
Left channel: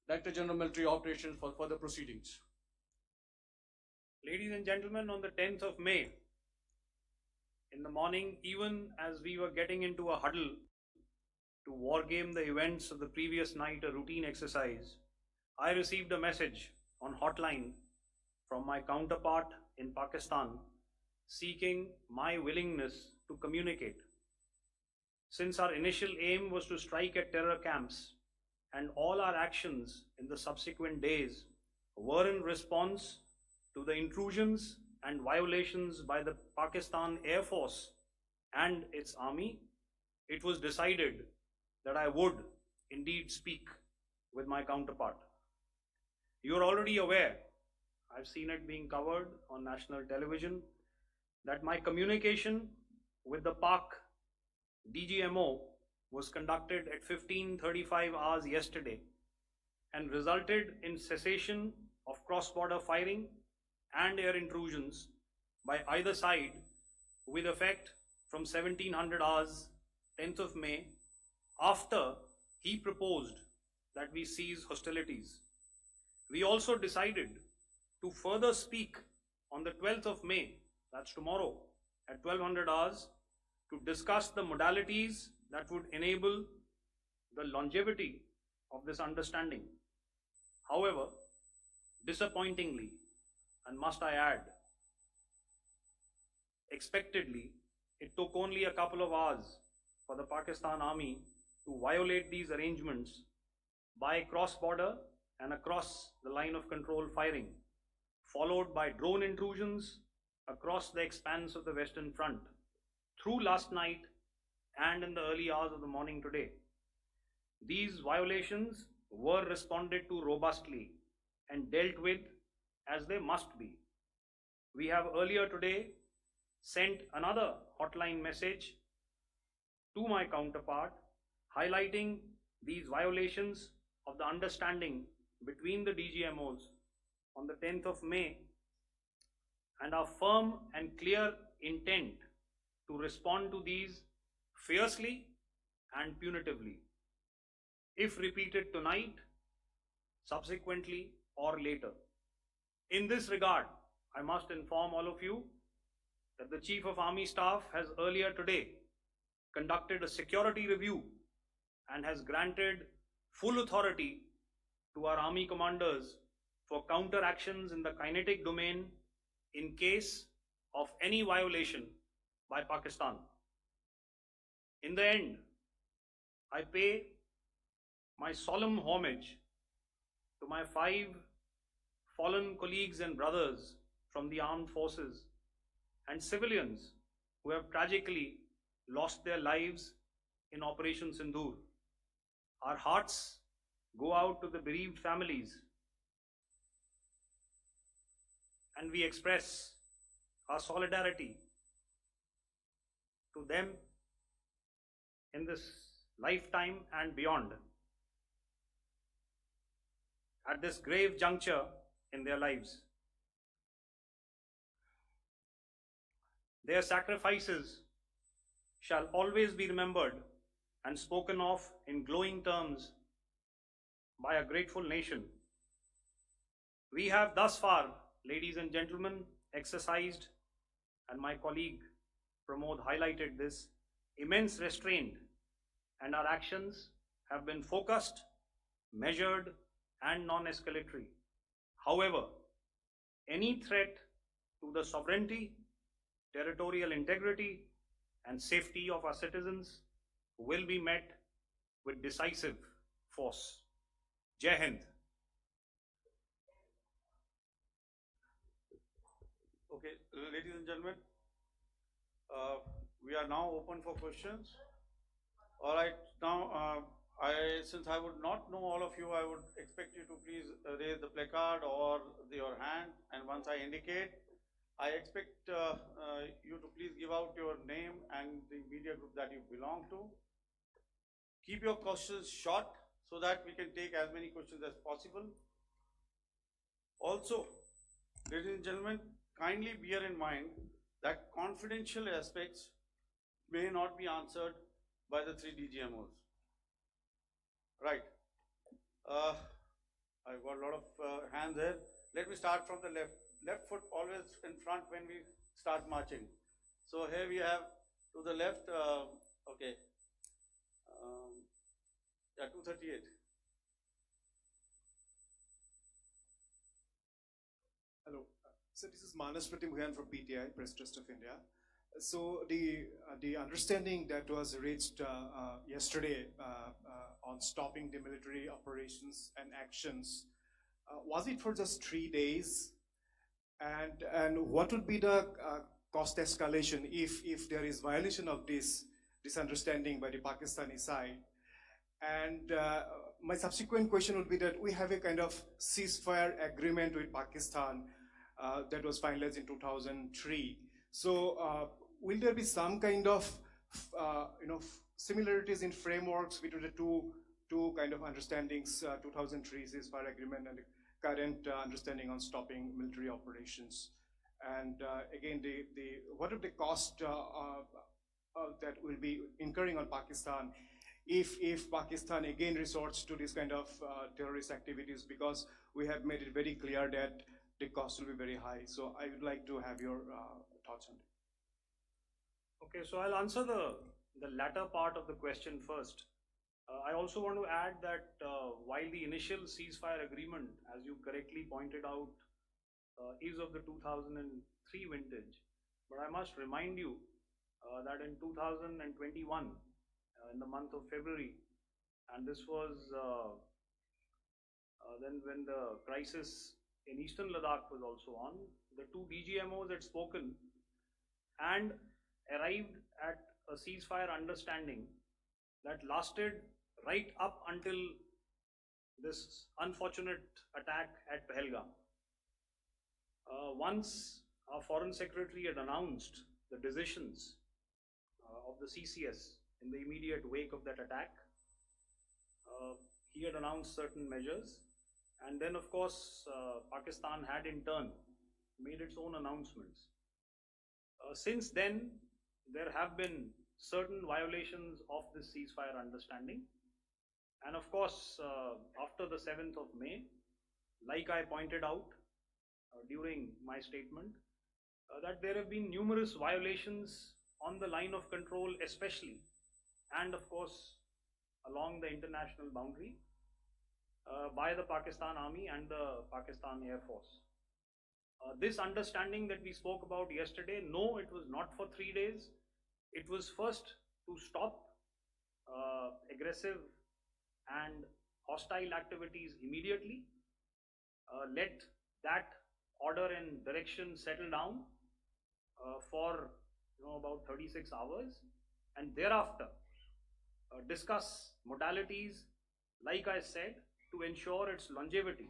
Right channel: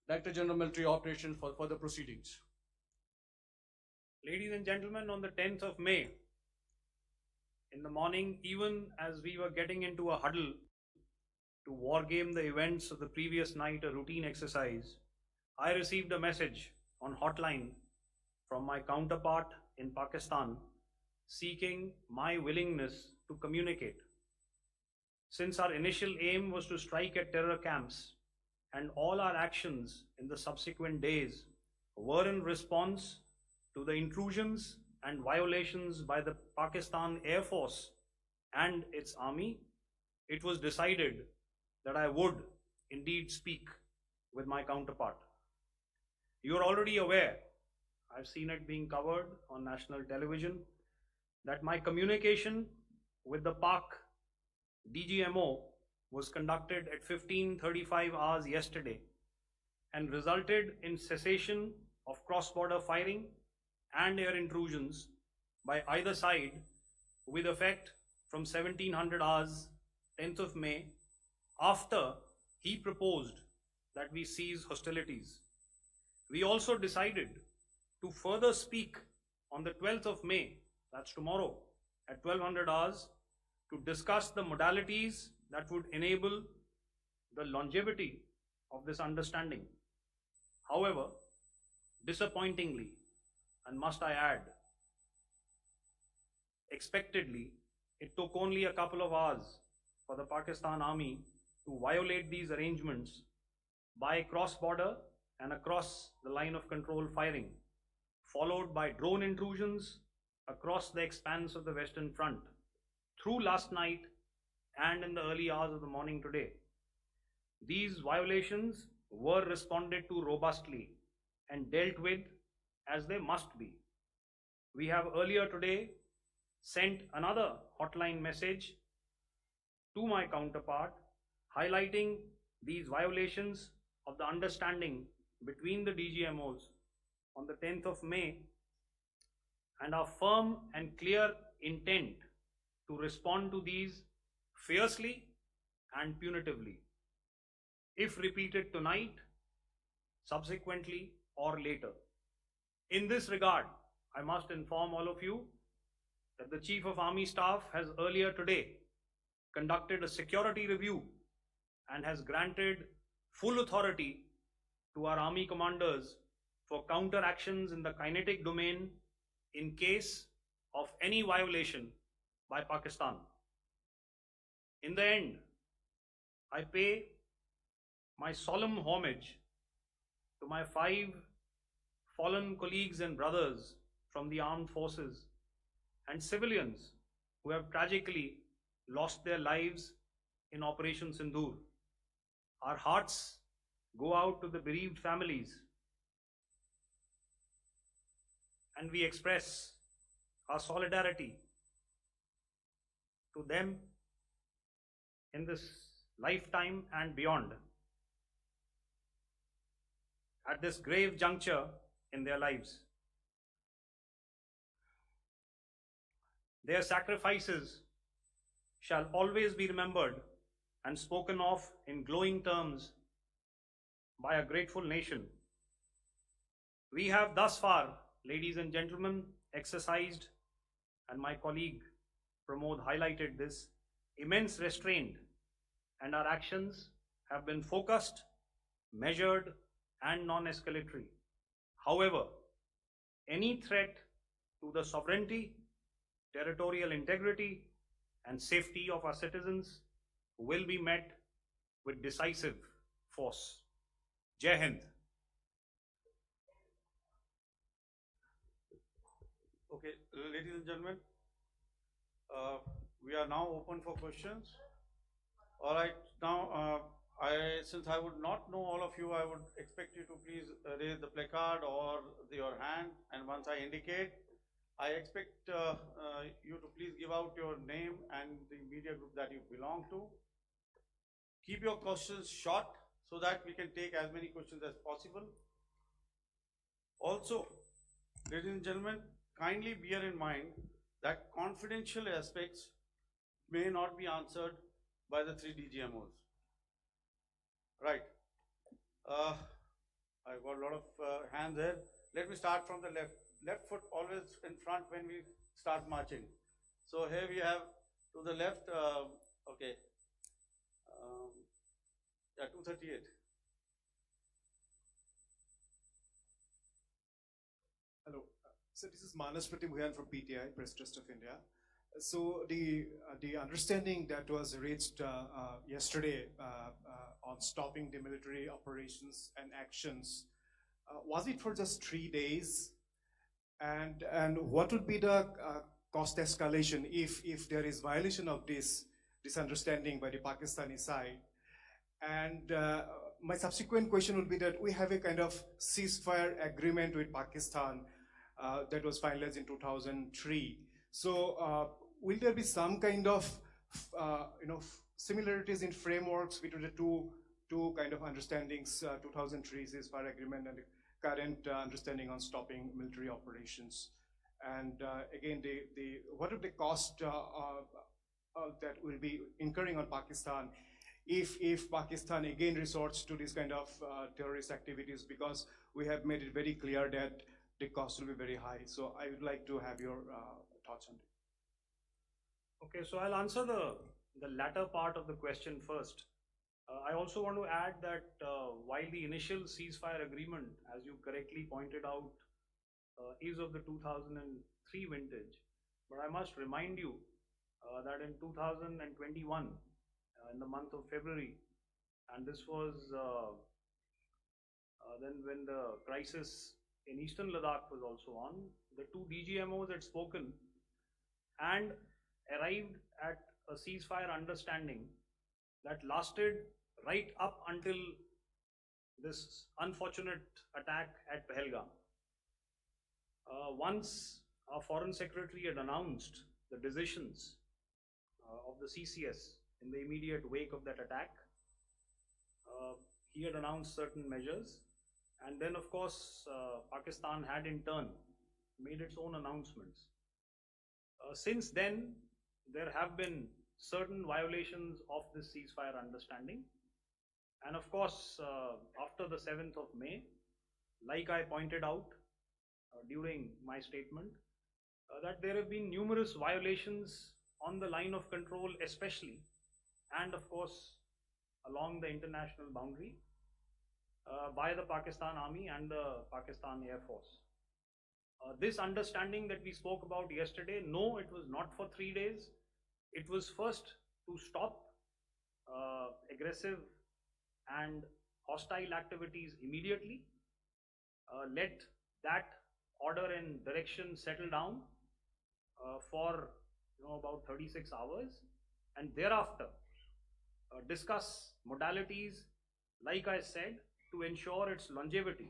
Director General Military Operations for further proceedings. Ladies and gentlemen, on the 10th of May, in the morning, even as we were getting into a huddle to wargame the events of the previous night, a routine exercise, I received a message on hotline from my counterpart in Pakistan seeking my willingness to communicate. Since our initial aim was to strike at terror camps, and all our actions in the subsequent days were in response to the intrusions and violations by the Pakistan Air Force and its army, it was decided that I would indeed speak with my counterpart. You are already aware, I've seen it being covered on national television, that my communication with the Pak DGMO was conducted at 15:35 hours yesterday and resulted in cessation of cross-border firing and air intrusions by either side with effect from 1700 hours 10th of May, after he proposed that we cease hostilities. We also decided to further speak on the 12th of May, that's tomorrow, at 1200 hours, to discuss the modalities that would enable the longevity of this understanding. However, disappointingly, and must I add, expectedly, it took only a couple of hours for the Pakistan Army to violate these arrangements by cross-border and across the line of control firing, followed by drone intrusions across the expanse of the Western Front through last night and in the early hours of the morning today. These violations were responded to robustly and dealt with as they must be. We have earlier today sent another hotline message to my counterpart highlighting these violations of the understanding between the DGMOs on the 10th of May and our firm and clear intent to respond to these fiercely and punitively, if repeated tonight, subsequently, or later. In this regard, I must inform all of you that the Chief of Army Staff has earlier today conducted a security review and has granted full authority to our Army commanders for counter actions in the kinetic domain in case of any violation by Pakistan. In the end, I pay my solemn homage to my 5 fallen colleagues and brothers from the armed forces and civilians who have tragically lost their lives in Operation Sindoor. Our hearts go out to the bereaved families, and we express our solidarity to them in this lifetime and beyond, at this grave juncture in their lives. Their sacrifices shall always be remembered and spoken of in glowing terms by a grateful nation. We have thus far, ladies and gentlemen, exercised and my colleague Pramod highlighted this, immense restraint, and our actions have been focused, measured, and non-escalatory. However, any threat to the sovereignty, territorial integrity, and safety of our citizens will be met with decisive force. Jai Hind. Okay, ladies and gentlemen, we are now open for questions. All right, now since I would not know all of you, I would expect you to please raise the placard or your hand, and once I indicate, I expect you to please give out your name and the media group that you belong to. Keep your questions short so that we can take as many questions as possible. Also, ladies and gentlemen, kindly bear in mind that confidential aspects may not be answered by the 3 DGMOs. Right. I've got a lot of hands there. Let me start from the left. Left foot always in front when we start marching. So here we have to the left, okay, yeah, 238. Hello. So this is Manas Pratimughan from PTI, Press Trust of India. So the understanding that was reached yesterday on stopping the military operations and actions, was it for just 3 days? And what would be the cost escalation if there is violation of this understanding by the Pakistani side? And my subsequent question would be that we have a kind of ceasefire agreement with Pakistan that was finalized in 2003. So will there be some kind of similarities in frameworks between the two kind of understandings, 2003 ceasefire agreement and the current understanding on stopping military operations? And again, what are the cost that will be incurring on Pakistan if Pakistan again resorts to this kind of terrorist activities, because we have made it very clear that the cost will be very high. So I would like to have your thoughts on it. Okay, so I'll answer the latter part of the question first. I also want to add that while the initial ceasefire agreement, as you correctly pointed out, is of the 2003 vintage, but I must remind you that in 2021, in the month of February, and this was then when the crisis in eastern Ladakh was also on, the 2 DGMOs had spoken and arrived at a ceasefire understanding that lasted right up until this unfortunate attack at Pahalgam. Once our Foreign Secretary had announced the decisions of the CCS in the immediate wake of that attack, he had announced certain measures, and then of course Pakistan had in turn made its own announcements. Since then, there have been certain violations of this ceasefire understanding, and of course after the 7th of May, like I pointed out during my statement, that there have been numerous violations on the line of control especially, and of course along the international boundary by the Pakistan Army and the Pakistan Air Force. This understanding that we spoke about yesterday, no, it was not for 3 days. It was first to stop aggressive and hostile activities immediately, let that order and direction settle down for about 36 hours, and thereafter discuss modalities, like I said, to ensure its longevity.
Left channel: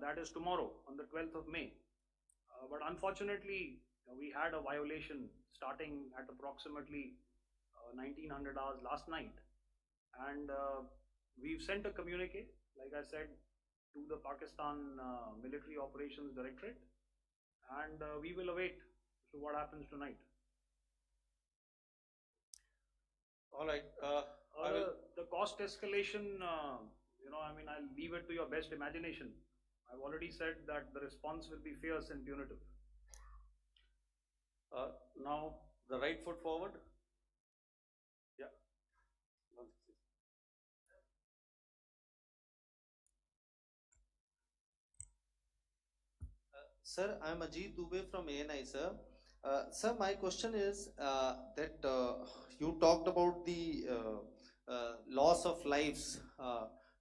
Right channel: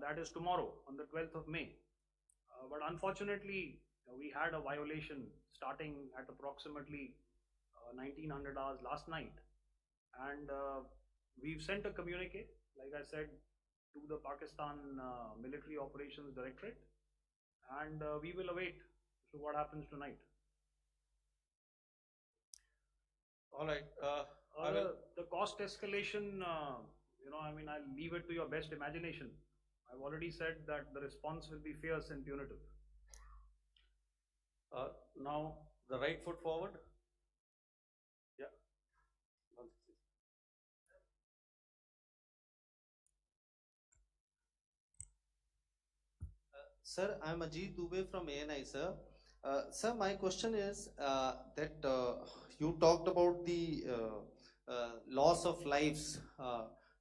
That is tomorrow on the 12th of May. But unfortunately, we had a violation starting at approximately 1900 hours last night, and we've sent a communique, like I said, to the Pakistan Military Operations Directorate, and we will await to what happens tonight. All right. The cost escalation, I'll leave it to your best imagination. I've already said that the response will be fierce and punitive. Now the right foot forward. Yeah. Sir, I'm Ajit Dubey from ANI, sir. Sir, my question is that you talked about the loss of lives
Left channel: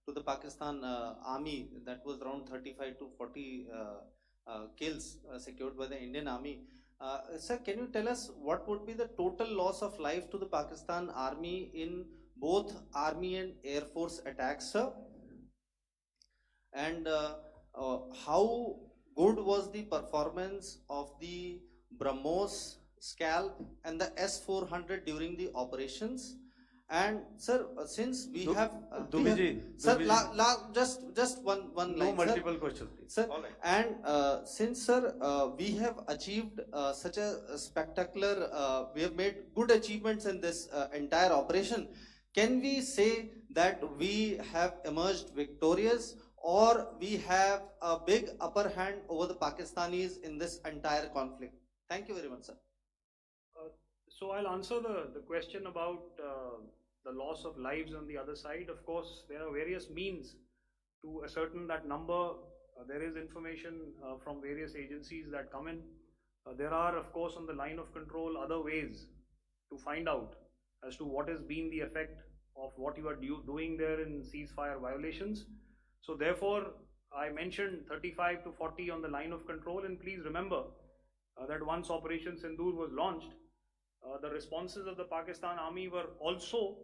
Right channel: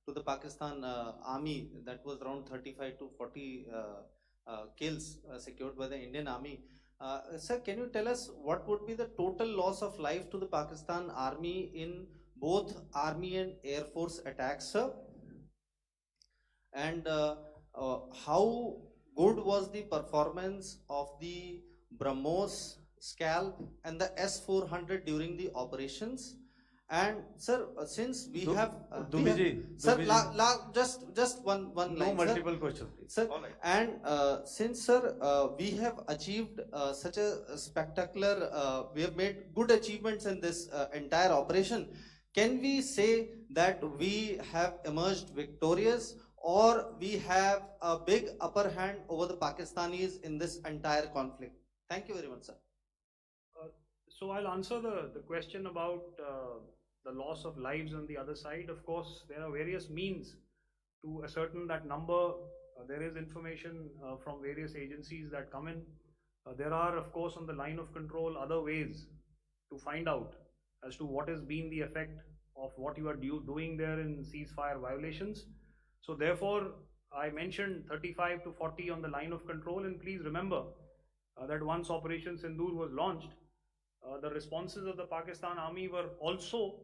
to the Pakistan army, that was around 35 to 40 kills secured by the Indian army. Sir, can you tell us what would be the total loss of life to the Pakistan army in both army and air force attacks, sir? And how good was the performance of the BrahMos, Scalp and the S-400 during the operations? And sir, since we have sir, just one No line, multiple sir. questions, please. Sir, All right. and since sir, we have achieved such a spectacular, we have made good achievements in this entire operation. Can we say that we have emerged victorious, or we have a big upper hand over the Pakistanis in this entire conflict? Thank you very much, sir. So I'll answer the question about the loss of lives on the other side. Of course, there are various means to ascertain that number. There is information from various agencies that come in. There are, of course, on the line of control, other ways to find out as to what has been the effect of what you are doing there in ceasefire violations. So therefore, I mentioned 35 to 40 on the line of control, and please remember that once Operation Sindoor was launched, the responses of the Pakistan Army were also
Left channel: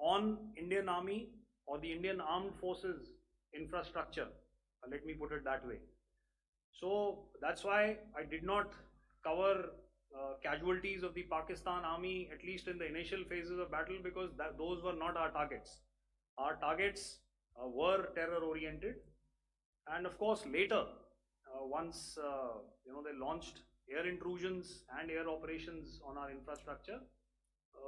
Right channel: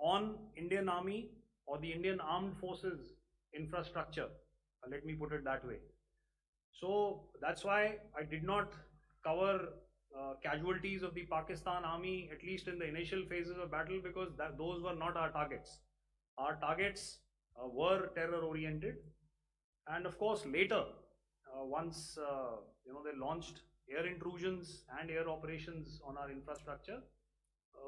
on Indian Army or the Indian Armed Forces infrastructure. Let me put it that way. So that's why I did not cover casualties of the Pakistan Army, at least in the initial phases of battle, because those were not our targets. Our targets were terror oriented, and of course later, once they launched air intrusions and air operations on our infrastructure,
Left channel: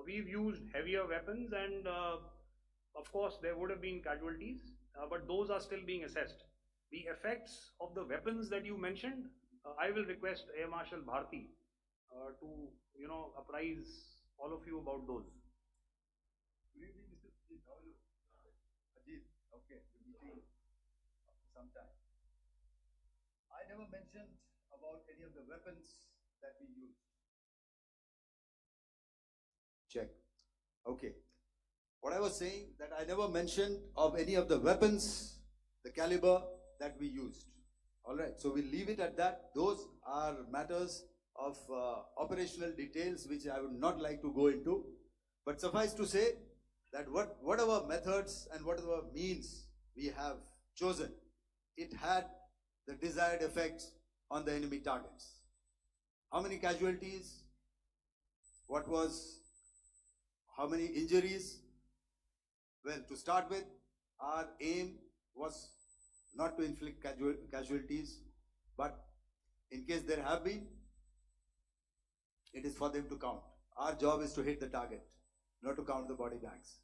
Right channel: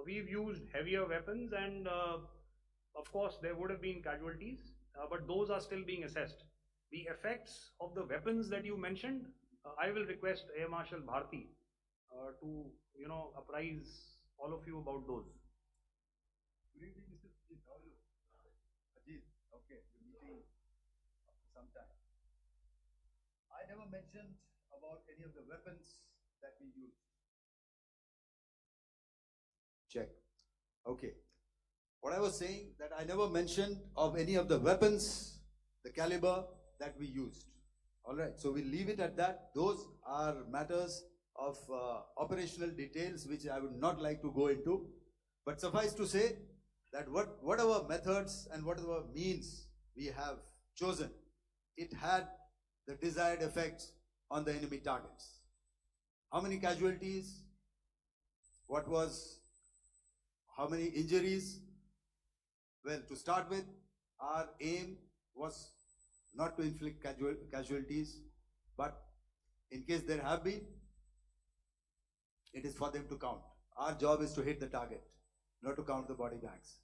we've used heavier weapons, and of course there would have been casualties, but those are still being assessed. The effects of the weapons that you mentioned, I will request Air Marshal Bharti to apprise all of you about those. Good evening, Mr. Ajit. How are you? Ajit, okay, we're meeting after some time. I never mentioned about any of the weapons that we used. Check. Okay. What I was saying, that I never mentioned of any of the weapons, the caliber that we used. All right, so we'll leave it at that. Those are matters of operational details which I would not like to go into. But suffice to say that whatever methods and whatever means we have chosen, it had the desired effects on the enemy targets. How many casualties? How many injuries? Well, to start with, our aim was not to inflict casualties, but in case there have been, it is for them to count. Our job is to hit the target, not to count the body bags.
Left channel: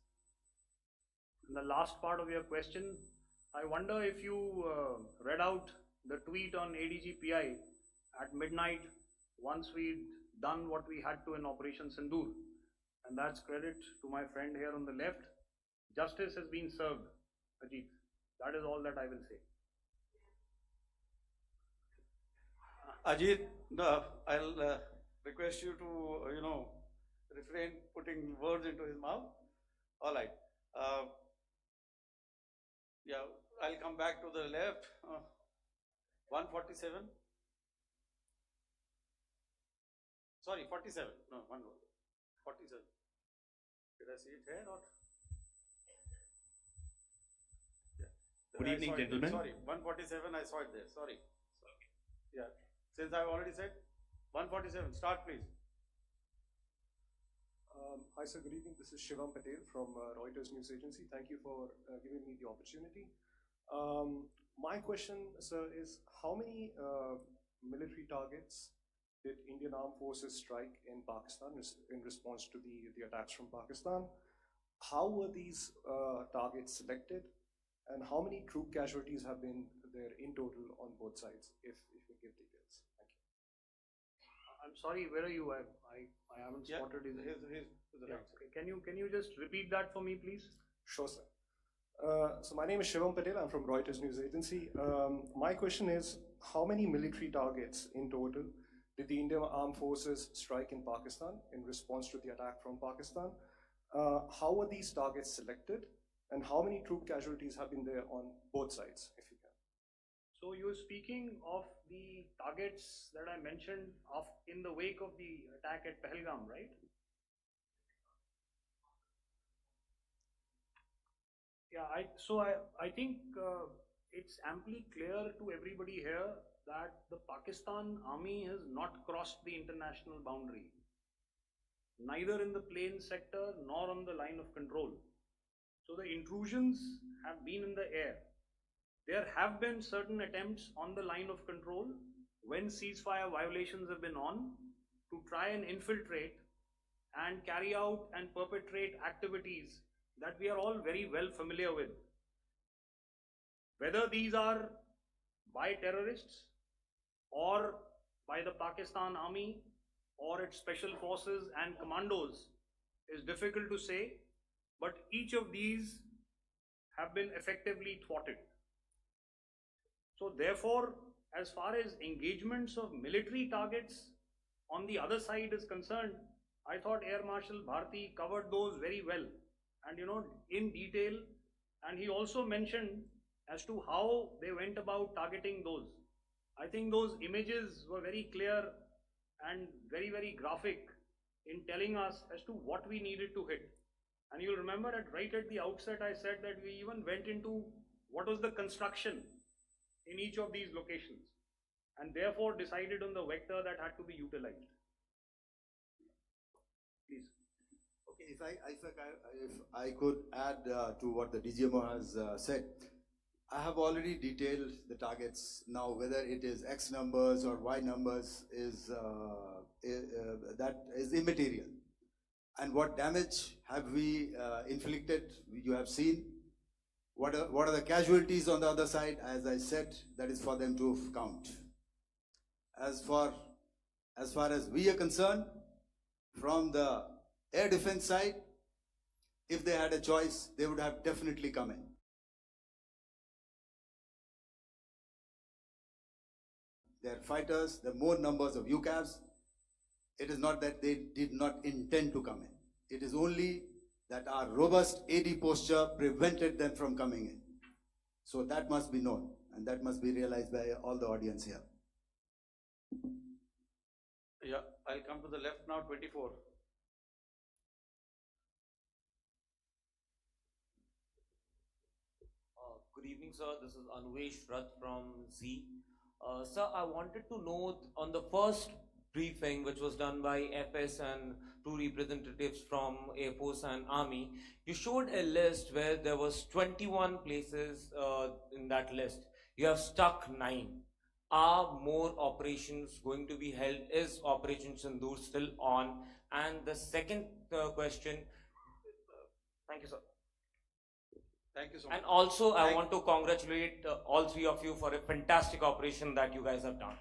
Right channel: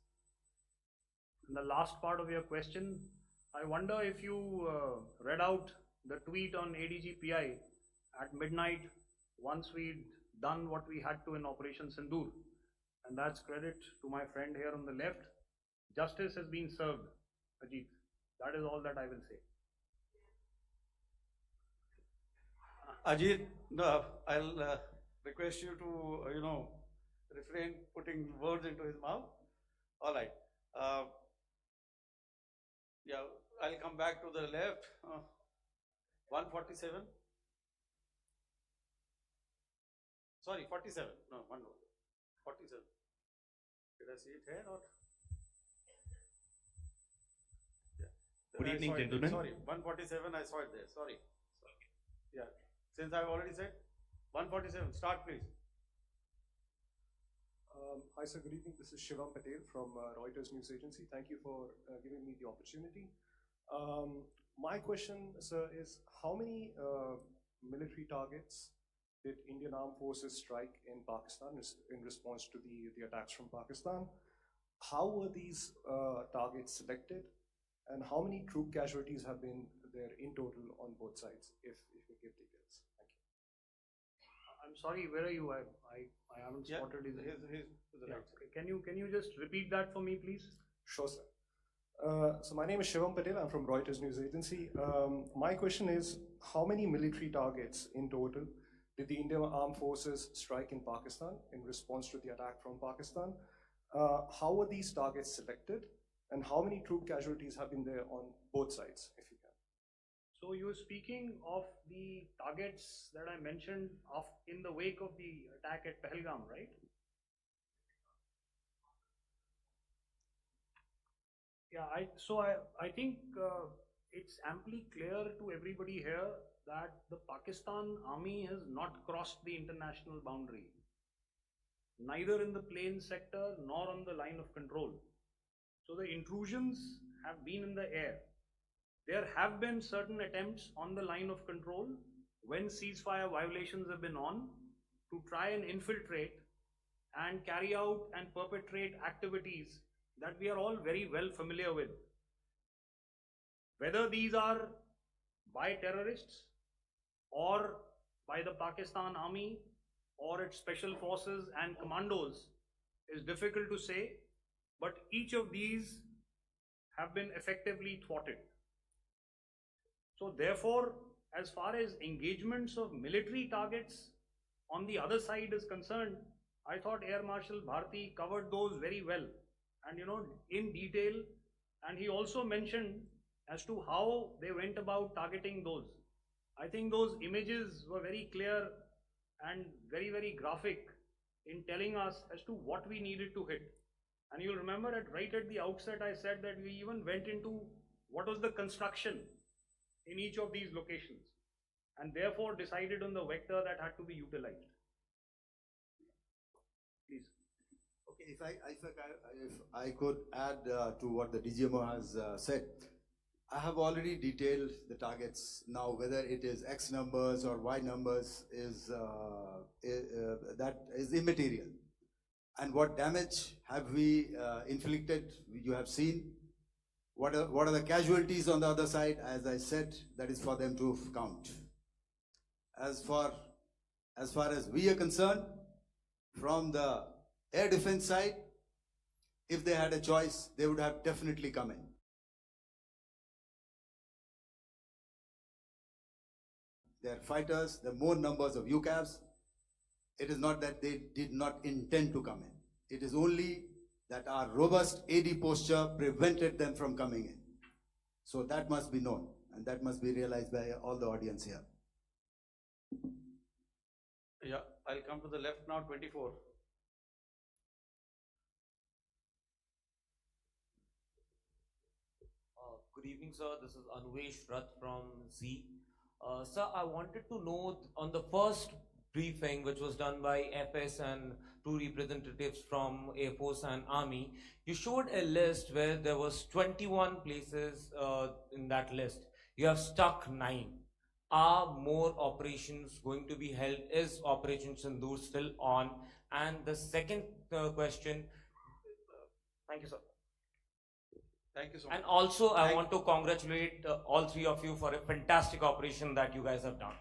In the last part of your question, I wonder if you read out the tweet on ADGPI at midnight once we'd done what we had to in Operation Sindoor. And that's credit to my friend here on the left. Justice has been served, Ajit. That is all that I will say. Ajit, I'll request you to, refrain putting words into his mouth. All right. Yeah, I'll come back to the left. 147. Sorry, 47. No, one more. 47. Did I see it here or? Yeah. Good evening, gentlemen. Sorry, 147. I saw it there. Sorry. Yeah. Since I've already said 147. Start, please. Hi, sir. Good evening. This is Shivam Patel from Reuters News Agency. Thank you for giving me the opportunity. My question, sir, is how many military targets did Indian Armed Forces strike in Pakistan in response to the attacks from Pakistan? How were these targets selected, and how many troop casualties have been there in total on both sides, if you give details? Thank you. I'm sorry, where are you? I haven't Yeah, spotted his. his to the Yeah. right. Can you just repeat that for me, please? Sure, sir. So my name is Shivam Patel. I'm from Reuters News Agency. My question is, how many military targets in total did the Indian Armed Forces strike in Pakistan in response to the attack from Pakistan? How were these targets selected? And how many troop casualties have been there on both sides, if you can? So you're speaking of the targets that I mentioned in the wake of the attack at Pahalgam, right? Yeah, I think it's amply clear to everybody here that the Pakistan army has not crossed the international boundary, neither in the plain sector nor on the line of control. So the intrusions have been in the air. There have been certain attempts on the line of control when ceasefire violations have been on to try and infiltrate and carry out and perpetrate activities that we are all very well familiar with. Whether these are by terrorists or by the Pakistan army or its special forces and commandos is difficult to say, but each of these have been effectively thwarted. So therefore, as far as engagements of military targets on the other side is concerned, I thought Air Marshal Bharti covered those very well and in detail, and he also mentioned as to how they went about targeting those. I think those images were very clear and very, very graphic in telling us as to what we needed to hit. And you'll remember that right at the outset I said that we even went into what was the construction in each of these locations and therefore decided on the vector that had to be utilized. Please. Okay, if I could add to what the DGMO has said, I have already detailed the targets. Now, whether it is X numbers or Y numbers that is immaterial. And what damage have we inflicted? You have seen. What are the casualties on the other side? As I said, that is for them to count. As far as we are concerned, from the air defense side, if they had a choice, they would have definitely come in. Their fighters, the more numbers of UCAVs, it is not that they did not intend to come in. It is only that our robust AD posture prevented them from coming in. So that must be known, and that must be realized by all the audience here. Yeah, I'll come to the left now, 24. Good evening, sir. This is Anvesh Rath from Z. Sir, I wanted to know on the first briefing, which was done by FS and two representatives from Air Force and Army, you showed a list where there was 21 places in that list. You have stuck 9. Are more operations going to be held? Is Operation Sindoor still on? And the second question, thank you, sir. Thank you so much. And also, I want to congratulate all three of you for a fantastic operation that you guys have done.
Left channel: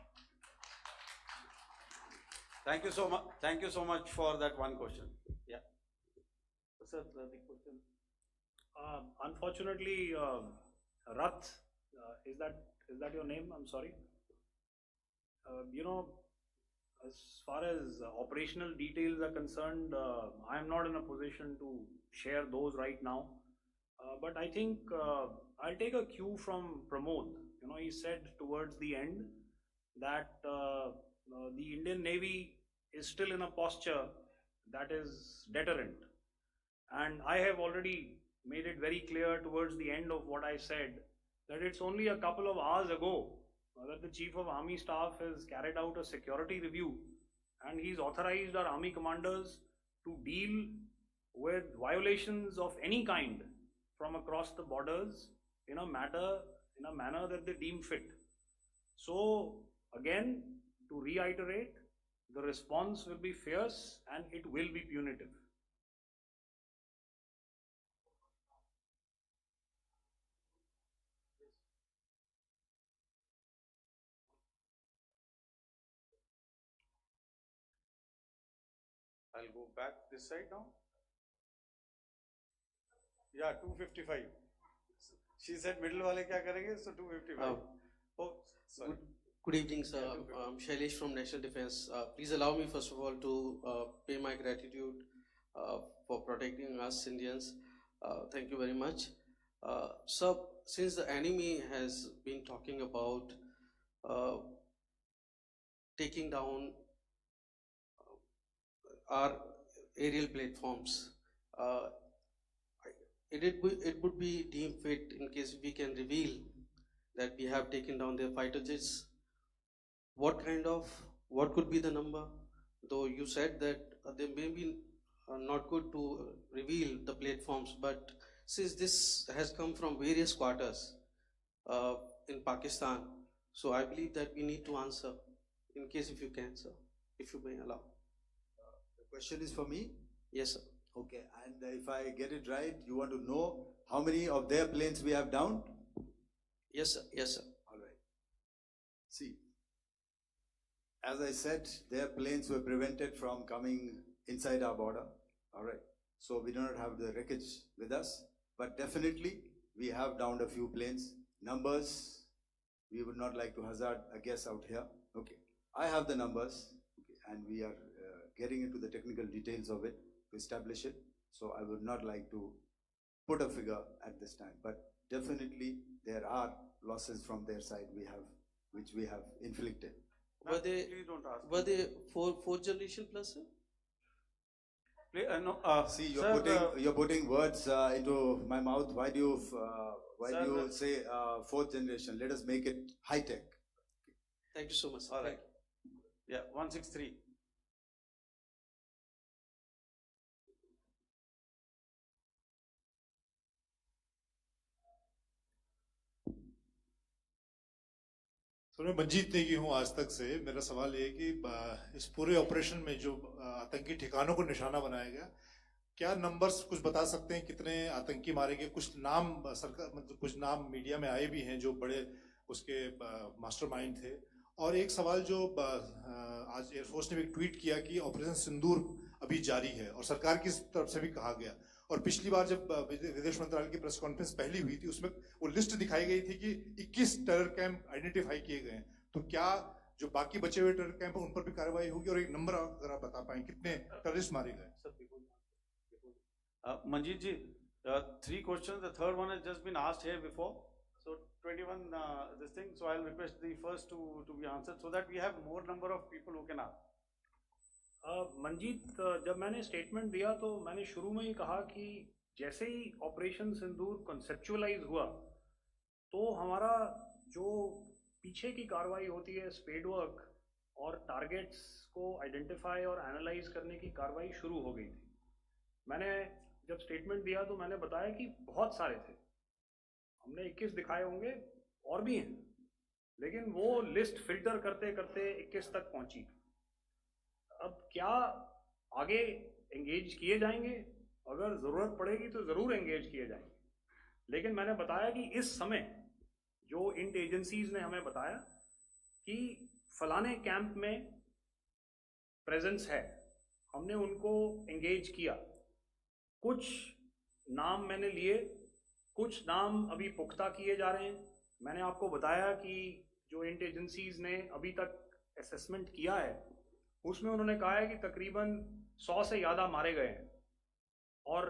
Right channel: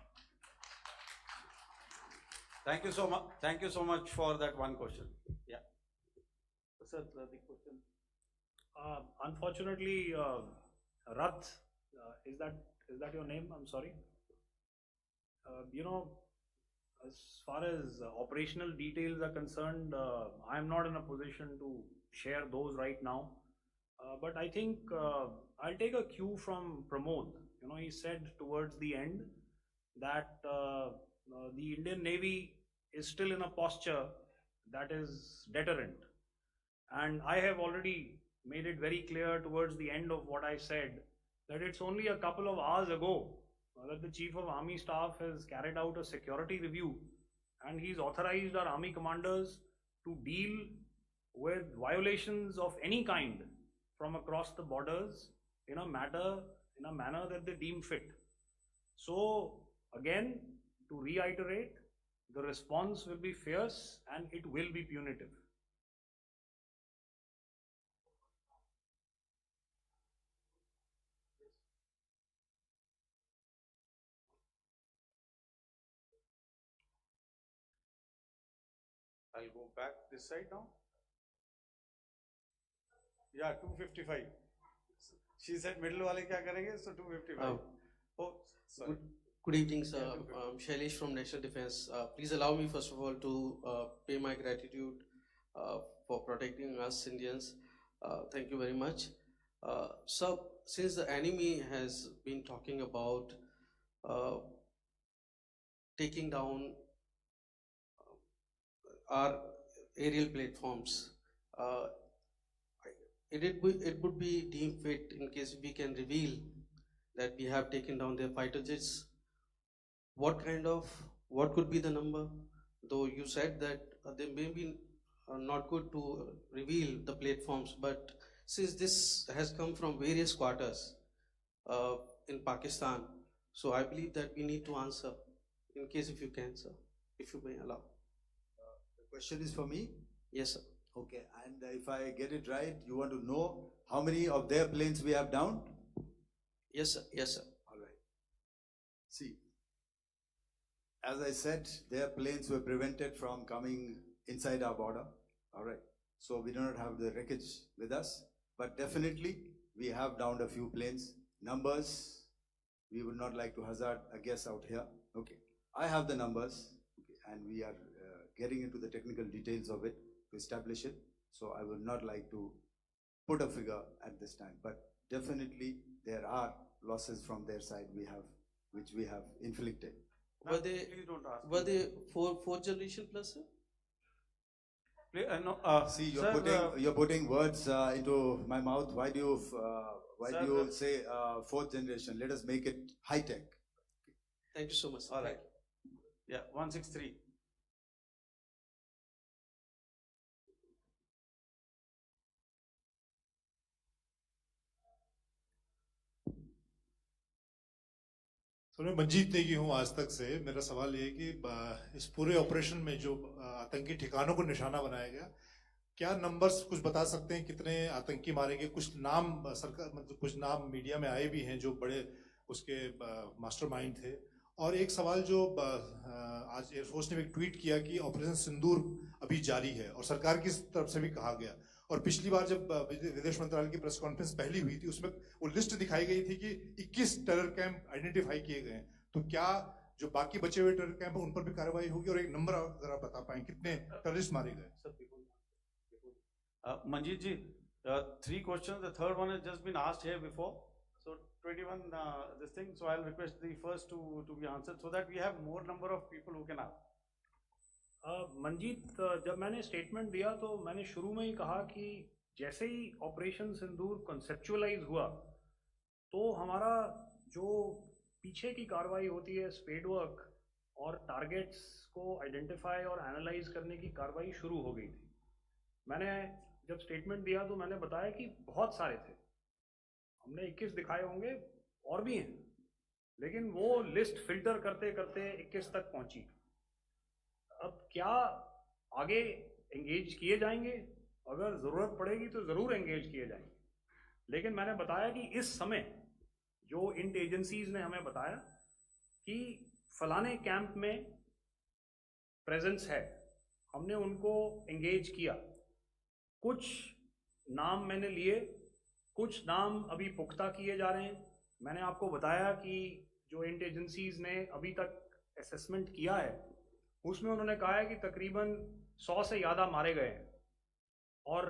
Thank you so much. Thank you so much for that one question. Yeah. Sir, the question. Unfortunately, Rath, is that your name? I'm sorry. As far as operational details are concerned, I am not in a position to share those right now. But I think I'll take a cue from Pramod. He said towards the end that the Indian Navy is still in a posture that is deterrent. And I have already made it very clear towards the end of what I said that it's only a couple of hours ago that the Chief of Army Staff has carried out a security review and he's authorized our army commanders to deal with violations of any kind from across the borders in a manner that they deem fit. So again, to reiterate, the response will be fierce and it will be punitive. I'll go back this side now. Yeah, 255. She said middle wale kya karenge, so 255. Oh, sorry. Good evening, sir. I'm Shailesh from National Defense. Please allow me, first of all, to pay my gratitude for protecting us Indians. Thank you very much. Sir, since the enemy has been talking about taking down our aerial platforms, it would be deemed fit in case we can reveal that we have taken down their fighter jets. What could be the number? Though you said that they may be not good to reveal the platforms, but since this has come from various quarters in Pakistan, so I believe that we need to answer, in case if you can, sir, if you may allow. The question is for me? Yes, sir. Okay, and if I get it right, you want to know how many of their planes we have downed? Yes, sir. Yes, sir. All right. See, as I said, their planes were prevented from coming inside our border. All right. So we do not have the wreckage with us, but definitely we have downed a few planes. Numbers, we would not like to hazard a guess out here. Okay. I have the numbers, okay, and we are getting into the technical details of it to establish it. So I would not like to put a figure at this time, but definitely there are losses from their side which we have inflicted. Were they me. fourth generation plus, sir? See, sir, you're putting words into my mouth. Why do you say fourth generation? Let us make it high tech. Thank you so much, sir. All right. Yeah, 163. तो मैं मंजीत नेगी हूँ आज तक से। मेरा सवाल ये है कि इस पूरे ऑपरेशन में जो आतंकी ठिकानों को निशाना बनाया गया, क्या नंबर्स कुछ बता सकते हैं कितने आतंकी मारे गए? कुछ नाम सरकार मतलब कुछ नाम मीडिया में आए भी हैं जो बड़े उसके मास्टरमाइंड थे। और एक सवाल जो आज एयरफोर्स ने भी ट्वीट किया कि ऑपरेशन सिंदूर अभी जारी है और सरकार की तरफ से भी कहा गया। और पिछली बार जब विदेश मंत्रालय की प्रेस कॉन्फ्रेंस पहली हुई थी उसमें वो लिस्ट दिखाई गई थी कि 21 टेरर कैंप आइडेंटिफाई किए गए हैं। तो क्या जो बाकी बचे हुए टेरर कैंप उन पर भी कार्रवाई होगी? और एक नंबर अगर आप बता पाएं कितने टेररिस्ट मारे गए? Manjeet ji, 3 questions. The third one has just been asked here before. So 21 this thing. So I'll request the first two to be answered so that we have more number of people who can ask. Manjeet, जब मैंने statement दिया तो मैंने शुरू में ही कहा कि जैसे ही ऑपरेशन सिंदूर कॉन्सेप्चुअलाइज हुआ तो हमारा जो पीछे की कार्रवाई होती है स्पेड वर्क और टारगेट्स को आइडेंटिफाई और एनालाइज करने की कार्रवाई शुरू हो गई थी। मैंने जब स्टेटमेंट दिया तो मैंने बताया कि बहुत सारे थे, हमने 21 दिखाए होंगे और भी हैं, लेकिन वो लिस्ट फिल्टर करते करते 21 तक पहुंची। अब क्या आगे एंगेज किए जाएंगे? अगर ज़रूरत पड़ेगी तो ज़रूर एंगेज किए जाएंगे, लेकिन मैंने बताया कि इस समय जो इंट एजेंसीज ने हमें बताया कि फलाने कैंप में प्रेजेंस है, हमने उनको एंगेज किया। कुछ नाम मैंने लिए, कुछ नाम अभी पुख्ता किए जा रहे हैं। मैंने आपको बताया कि जो इंट एजेंसीज ने अभी तक असेसमेंट किया है उसमें उन्होंने कहा है कि तकरीबन 100 से ज़्यादा मारे गए हैं। और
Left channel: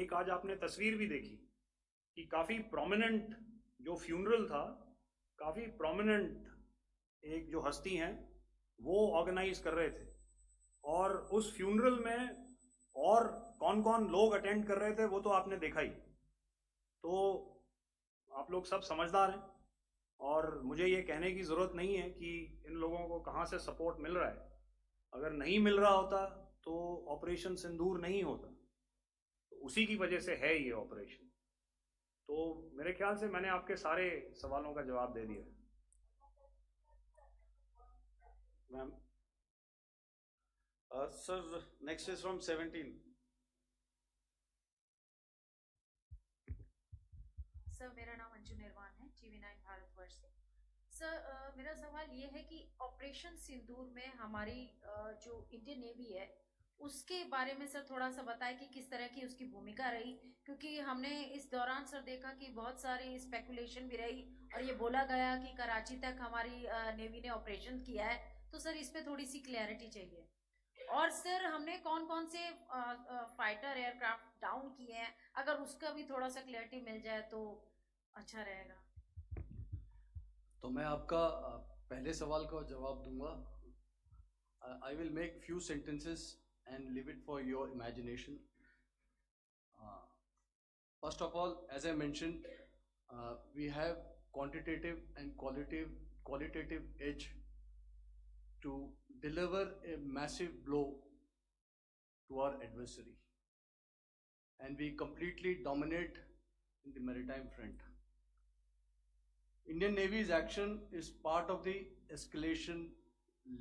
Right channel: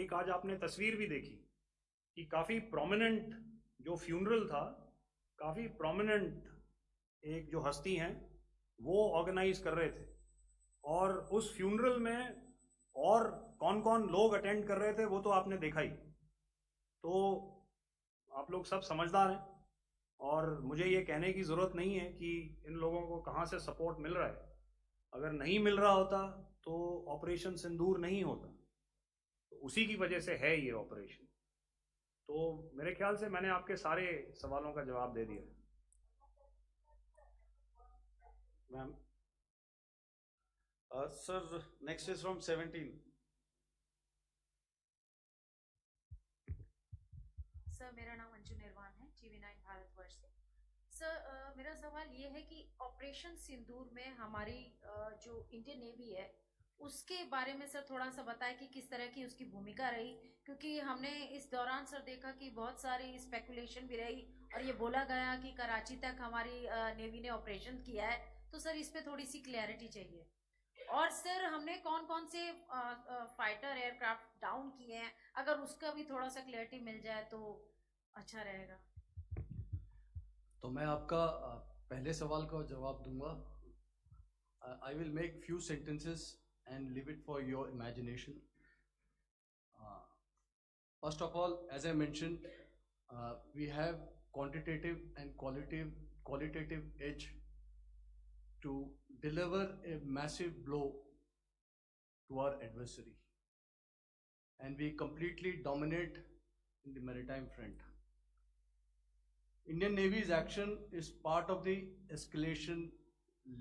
एक आज आपने तस्वीर भी देखी कि काफ़ी प्रोमिनेंट जो फ्यूनरल था, काफ़ी प्रोमिनेंट एक जो हस्ती हैं वो ऑर्गेनाइज कर रहे थे, और उस फ्यूनरल में और कौन कौन लोग अटेंड कर रहे थे वो तो आपने देखा ही। तो आप लोग सब समझदार हैं और मुझे ये कहने की ज़रूरत नहीं है कि इन लोगों को कहाँ से सपोर्ट मिल रहा है। अगर नहीं मिल रहा होता तो ऑपरेशन सिंदूर नहीं होता, तो उसी की वजह से है ये ऑपरेशन। तो मेरे ख्याल से मैंने आपके सारे सवालों का जवाब दे दिया। Ma'am, sir next is from 17। Sir मेरा नाम अंजू निर्वाण है, TV9 भारतवर्ष से। सर मेरा सवाल ये है कि ऑपरेशन सिंदूर में हमारी जो इंडियन नेवी है उसके बारे में सर थोड़ा सा बताएं कि किस तरह की उसकी भूमिका रही, क्योंकि हमने इस दौरान सर देखा कि बहुत सारी स्पेकुलेशन भी रही और ये बोला गया कि कराची तक हमारी नेवी ने ऑपरेशन किया है, तो सर इस पे थोड़ी सी क्लैरिटी चाहिए। और सर हमने कौन कौन से फाइटर एयरक्राफ्ट डाउन किए हैं, अगर उसका भी थोड़ा सा क्लैरिटी मिल जाए तो अच्छा रहेगा। तो मैं आपका पहले सवाल का जवाब दूंगा। I will make few sentences and leave it for your imagination. First of all, as I mentioned, we have quantitative and qualitative edge to deliver a massive blow to our adversary, and we completely dominate in the maritime front. Indian Navy's action is part of the escalation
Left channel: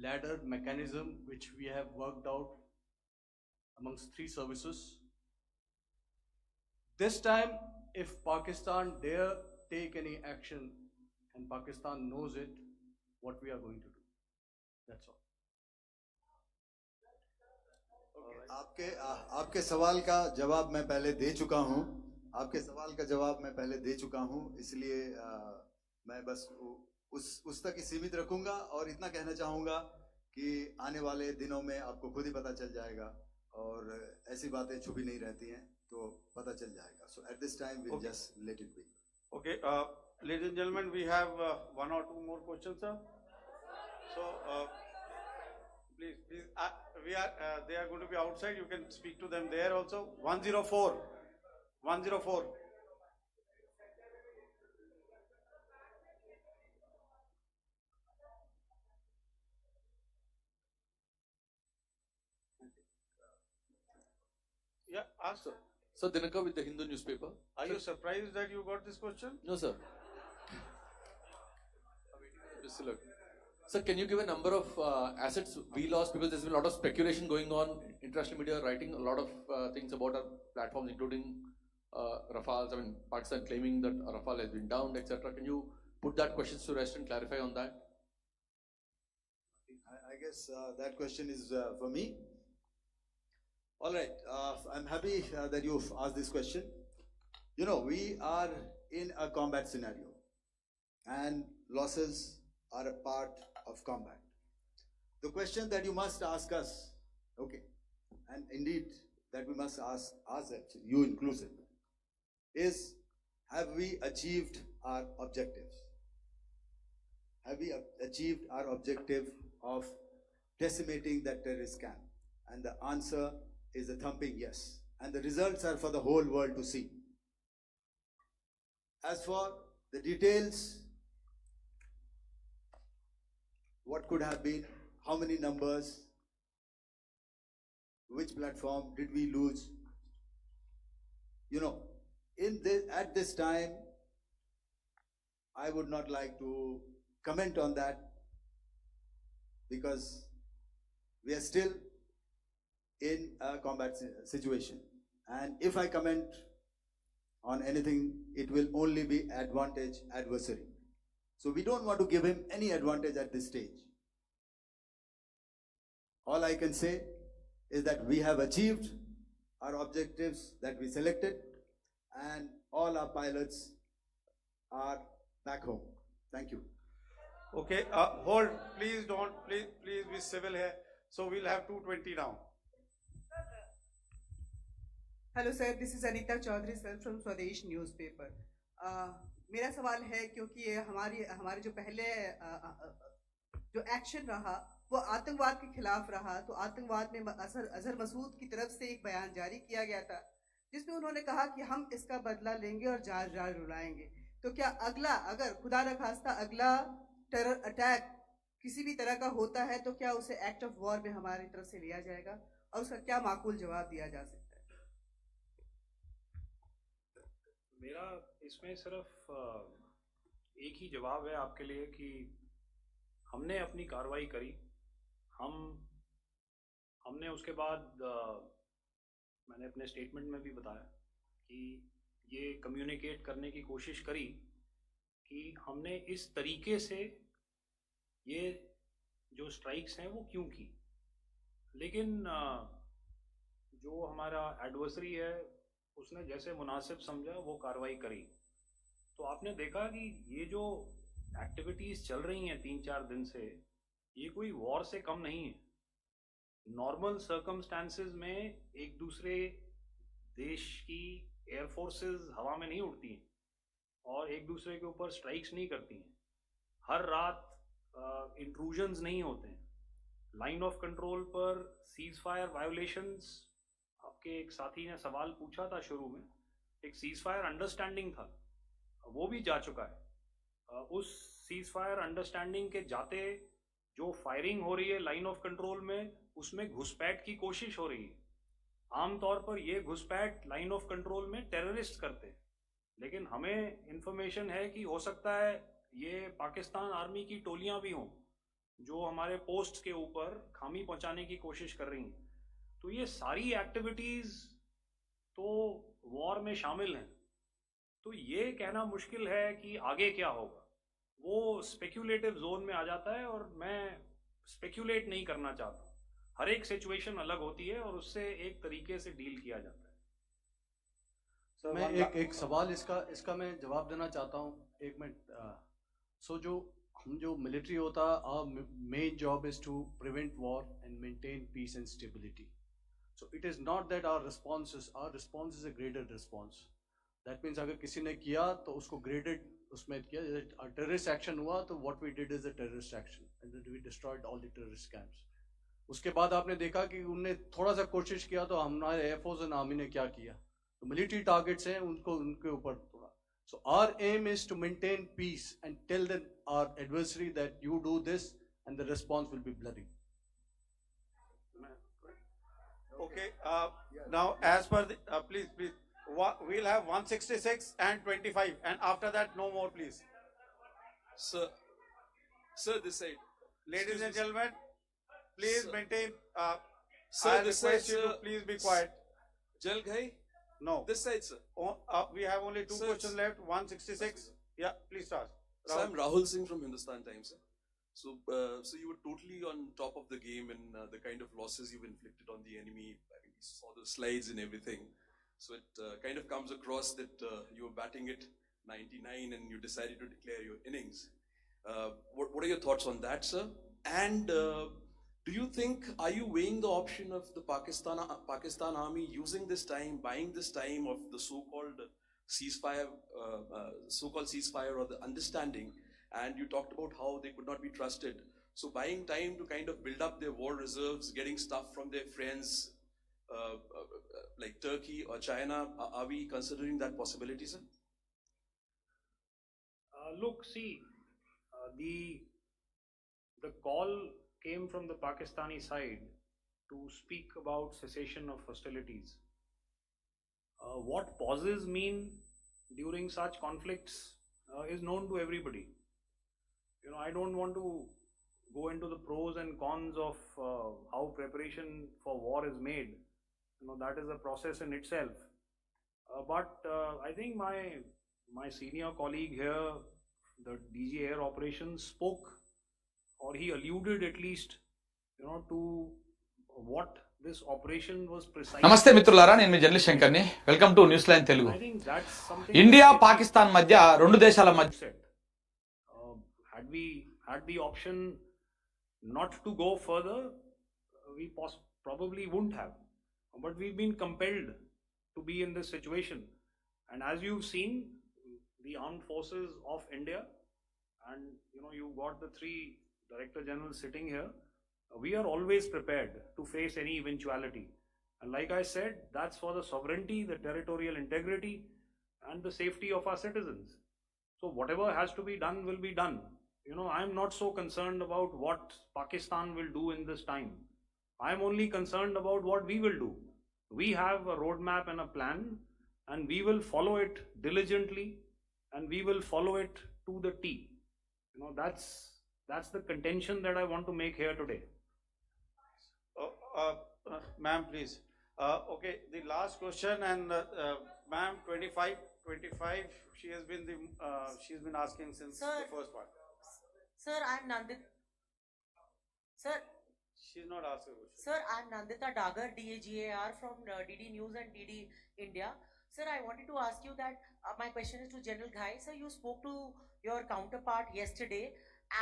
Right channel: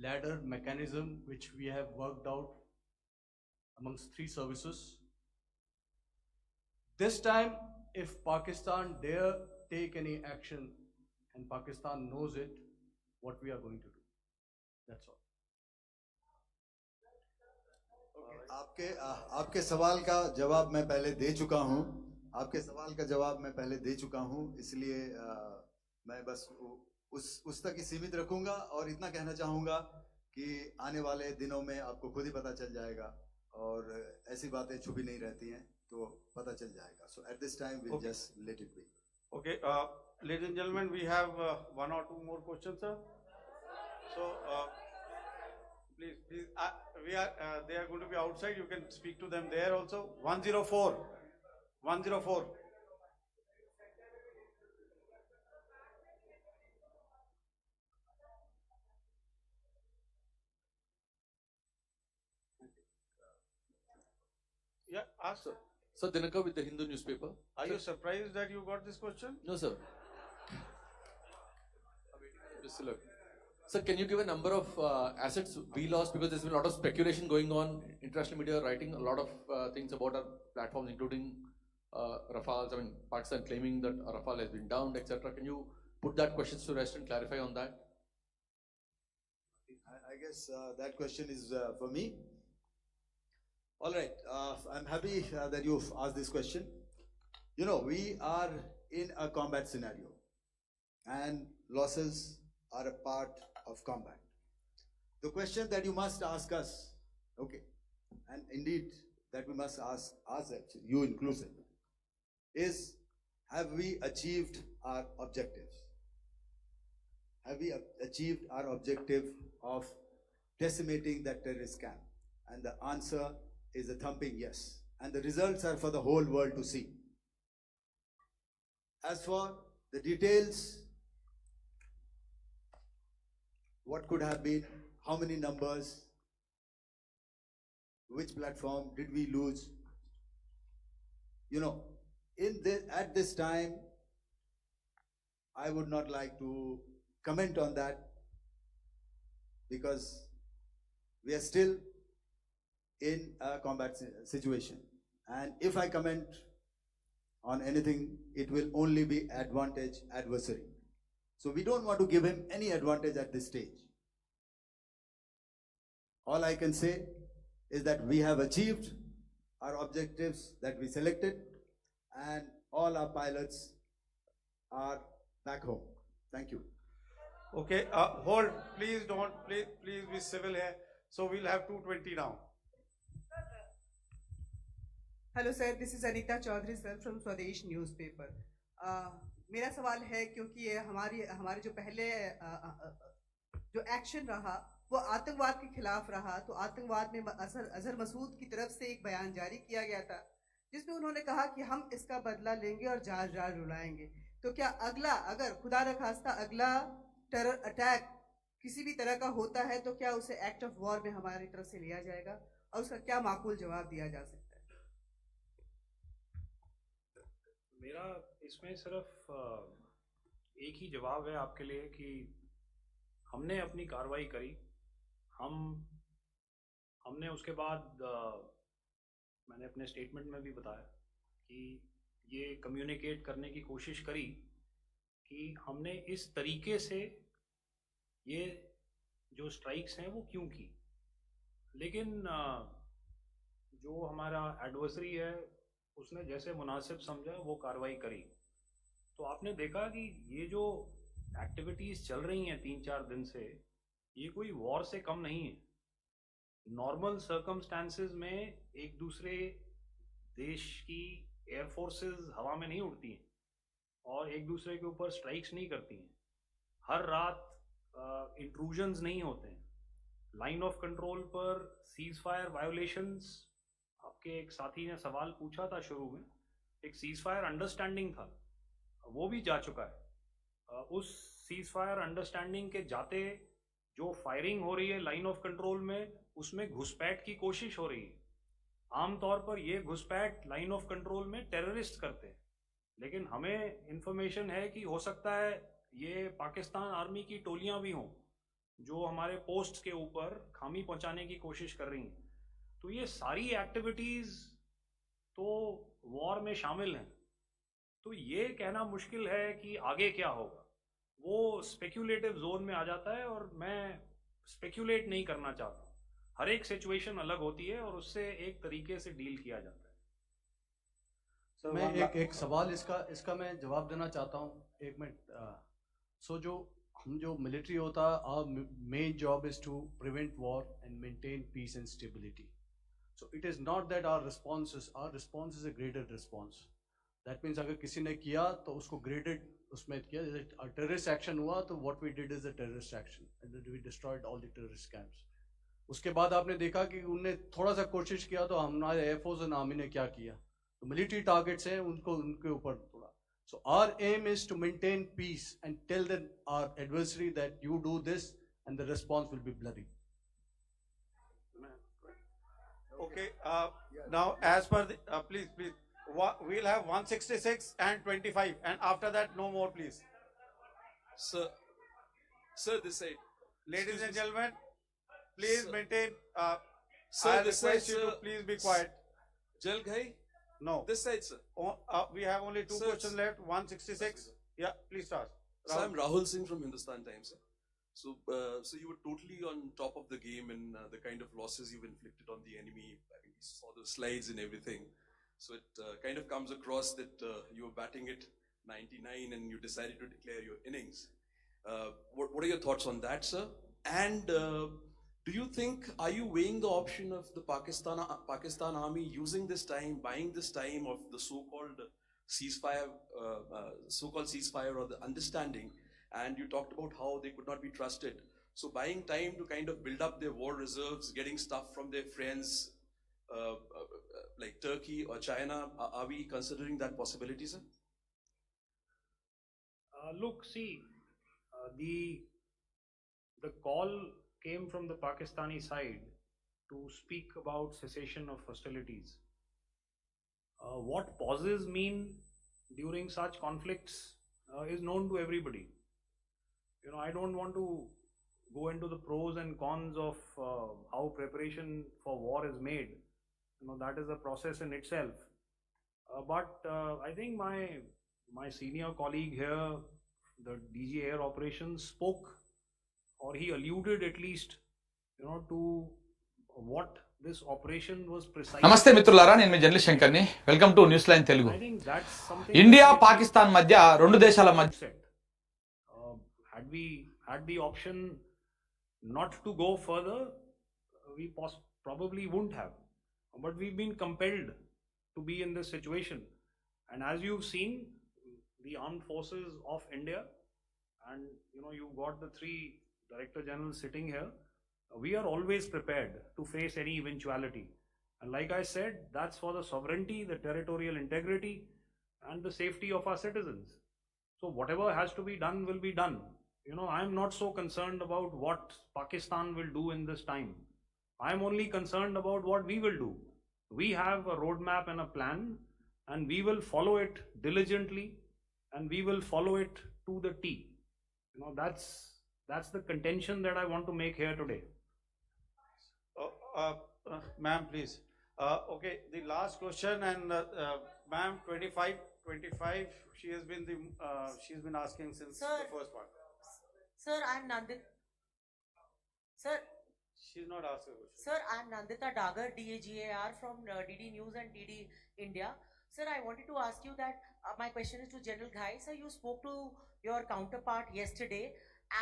ladder mechanism which we have worked out amongst 3 services. This time, if Pakistan dare take any action, and Pakistan knows it, what we are going to do. That's all. आपके सवाल का जवाब मैं पहले दे चुका हूं। इसलिए मैं बस उस तक ही सीमित रखूंगा और इतना कहना चाहूंगा कि आने वाले दिनों में आपको खुद ही पता चल जाएगा और ऐसी बातें छुपी नहीं रहती हैं, तो पता चल जाएगा। So at this time we'll just let it be. Okay, ladies and gentlemen, we have one or two more questions, sir. So please, they are going to be outside. You can speak to them there also. 104. Yeah, ask. Sir, Dinakar with the Hindu newspaper. Are you surprised that you got this question? No, sir. Just look. Sir, can you give a number of assets we lost, because there's been a lot of speculation going on, international media writing a lot of things about our platforms, including Rafales. I mean, Pakistan claiming that Rafale has been downed, etc. Can you put that question to rest and clarify on that? I guess that question is for me. All right, I'm happy that you've asked this question. You know, we are in a combat scenario, and losses are a part of combat. The question that you must ask us, okay, and indeed that we must ask us, actually, you inclusive, is, have we achieved our objectives? Have we achieved our objective of decimating that terrorist camp? And the answer is a thumping yes. And the results are for the whole world to see. As for the details, what could have been, how many numbers, which platform did we lose? You know, at this time, I would not like to comment on that, because we are still in a combat situation. And if I comment on anything, it will only be advantage adversary. So we don't want to give him any advantage at this stage. All I can say is that we have achieved our objectives that we selected, and all our pilots are back home. Thank you. Okay, hold. Please don't. Please be civil here. So we'll have 220 now. Hello sir, this is Anita Chaudhary sir from Swadesh newspaper. मेरा सवाल है, क्योंकि ये हमारे जो पहले जो action रहा वो आतंकवाद के खिलाफ रहा, तो आतंकवाद में अजहर मसूद की तरफ से एक बयान जारी किया गया था जिसमें उन्होंने कहा कि हम इसका बदला लेंगे और जार जार रुलाएंगे। तो क्या अगला, अगर खुदा न खास्ता अगला टेरर अटैक किसी भी तरह का होता है, तो क्या उसे एक्ट ऑफ वॉर में हमारी तरफ से लिया जाएगा और उसका क्या माकूल जवाब दिया जा सकता है? मेरा इसमें सिर्फ एक ही जवाब है आपके लिए कि हमने अपनी कार्रवाई करी। हमने उसके बाद मैंने अपने स्टेटमेंट में भी बताया कि ये कम्युनिकेट करने की कोशिश करी कि हमने इस तरीके से ये जो स्ट्राइक्स हैं वो क्यों की। लेकिन जो हमारा एडवर्सरी है उसने जैसे मुनासिब समझा वो कार्रवाई करी। तो आपने देखा कि ये जो एक्टिविटीज़ चल रही हैं 3-4 दिन से, ये कोई वॉर से कम नहीं है। नॉर्मल सर्कमस्टांसेस में एक दूसरे देश की एयरफोर्सेस हवा में नहीं उड़ती हैं और एक दूसरे के ऊपर स्ट्राइक्स नहीं करती हैं। हर रात इंट्रूजन्स नहीं होते हैं। लाइन ऑफ कंट्रोल पर सीज फायर वायोलेशंस, आपके एक साथी ने सवाल पूछा था शुरू में, एक सीज फायर अंडरस्टैंडिंग था, वो भी जा चुका है। उस सीज फायर अंडरस्टैंडिंग के जाते जो फायरिंग हो रही है लाइन ऑफ कंट्रोल में, उसमें घुसपैठ की कोशिश हो रही है। आमतौर पर ये घुसपैठ लाइन ऑफ कंट्रोल में टेररिस्ट करते हैं, लेकिन हमें इंफॉर्मेशन है कि हो सकता है ये पाकिस्तान आर्मी की टोलियां भी हों जो हमारे पोस्ट के ऊपर खामी पहुंचाने की कोशिश कर रही हैं। तो ये सारी एक्टिविटीज तो वॉर में शामिल हैं। तो ये कहना मुश्किल है कि आगे क्या होगा, वो स्पेक्यूलेटिव जोन में आ जाता है और मैं स्पेक्यूलेट नहीं करना चाहता। हर एक सिचुएशन अलग होती है और उससे एक तरीके से डील किया जाता है। मैं एक सवाल इसका मैं जवाब देना चाहता हूँ, 1 मिनट। जो मिलिट्री होता है, our main job is to prevent war and maintain peace and stability. So it is not that our response is a graded response. That means अगर किसी ने किया तो उसको graded उसमें किया, जैसे terrorist action हुआ तो what we did is a terrorist action and we destroyed all the terrorist camps. उसके बाद आपने देखा कि उनने थोड़ा सा कोशिश किया तो हमारे एयरफोर्स और आर्मी ने क्या किया, तो मिलिट्री टारगेट्स हैं उनके ऊपर थोड़ा। So our aim is to maintain peace and tell our adversary that you do this and the response will be bloody. Okay, now as per the, please, we'll have 166 and 25 and after that no more please. Sir, this side. Ladies and gentlemen, please maintain, sir, I this request side, you sir. to please be quiet. Jal Ghai? No. This side, sir. We have only two Sir, questions left, 166. Yeah, please start. So I'm Rahul Singh from Hindustan Times, sir. So you were totally on top of the game in the kind of losses you've inflicted on the enemy. I mean, we saw the slides and everything. So it kind of comes across that you were batting it 99 and you decided to declare your innings. What are your thoughts on that, sir? And do you think, are you weighing the option of the Pakistan army using this time, buying this time of the so-called ceasefire or the understanding? And you talked about how they could not be trusted. So buying time to kind of build up their war reserves, getting stuff from their friends like Turkey or China, are we considering that possibility, sir? Look, see, the call came from the Pakistani side to speak about cessation of hostilities. What pauses mean during such conflicts is known to everybody. You know, I don't want to go into the pros and cons of how preparation for war is made. You know, that is a process in itself. But I think my senior colleague here, the DG Air Operations, spoke, or he alluded at least, you know, to what this operation was precisely. నమస్తే మిత్రులారా, నేను మీ journalist శంకర్ని. Welcome to News Line Telugu. India Pakistan మధ్య రెండు దేశాల మధ్య had the option not to go further, we probably wouldn't have, but we've been compelled to be in this situation. And as you've seen, the armed forces of India, and you know, you've got the 3 Director Generals sitting here, we are always prepared to face any eventuality. And like I said, that's for the sovereignty, the territorial integrity, and the safety of our citizens. So whatever has to be done will be done. You know, I'm not so concerned about what Pakistan will do in this time. I'm only concerned about what we will do. We have a roadmap and a plan, and we will follow it diligently, and we will follow it to the T. You know, that's the contention that I want to make here today. Ma'am, please. Okay, the last question, and ma'am, 25. She's been asking since Sir. the first one. Sir, I'm Nandit. Sir, She's not asking a question. Sir, I'm Nandita Dagar, DAGAR from DD News and DD India. Sir, I wanted to ask you that my question is to General Ghai. Sir, you spoke to your counterpart yesterday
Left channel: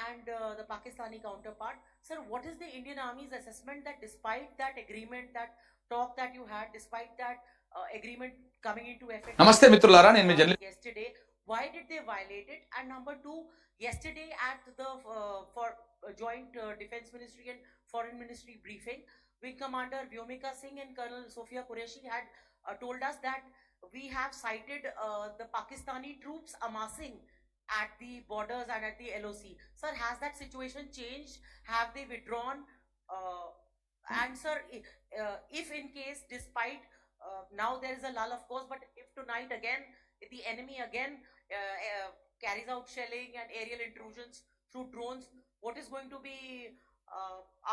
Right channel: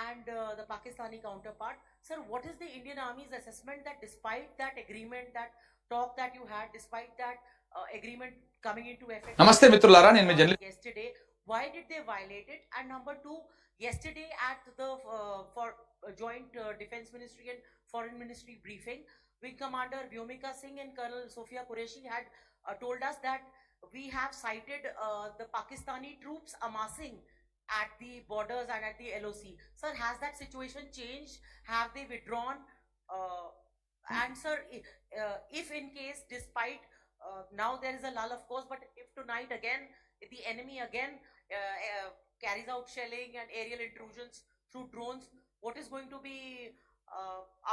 and the Pakistani counterpart. Sir, what is the Indian Army's assessment that despite that agreement, that talk that you had, despite that agreement coming into effect నమస్తే మిత్రులారా, నేను మీ journalist. yesterday, why did they violate it? And number two, yesterday at the joint Defense Ministry and Foreign Ministry briefing, Wing Commander Vyomika Singh and Colonel Sofia Qureshi had told us that we have cited the Pakistani troops amassing at the borders and at the LOC. Sir, has that situation changed? Have they withdrawn? And sir, if in case, despite now there is a lull, of course, but if tonight again the enemy again carries out shelling and aerial intrusions through drones, what is going to be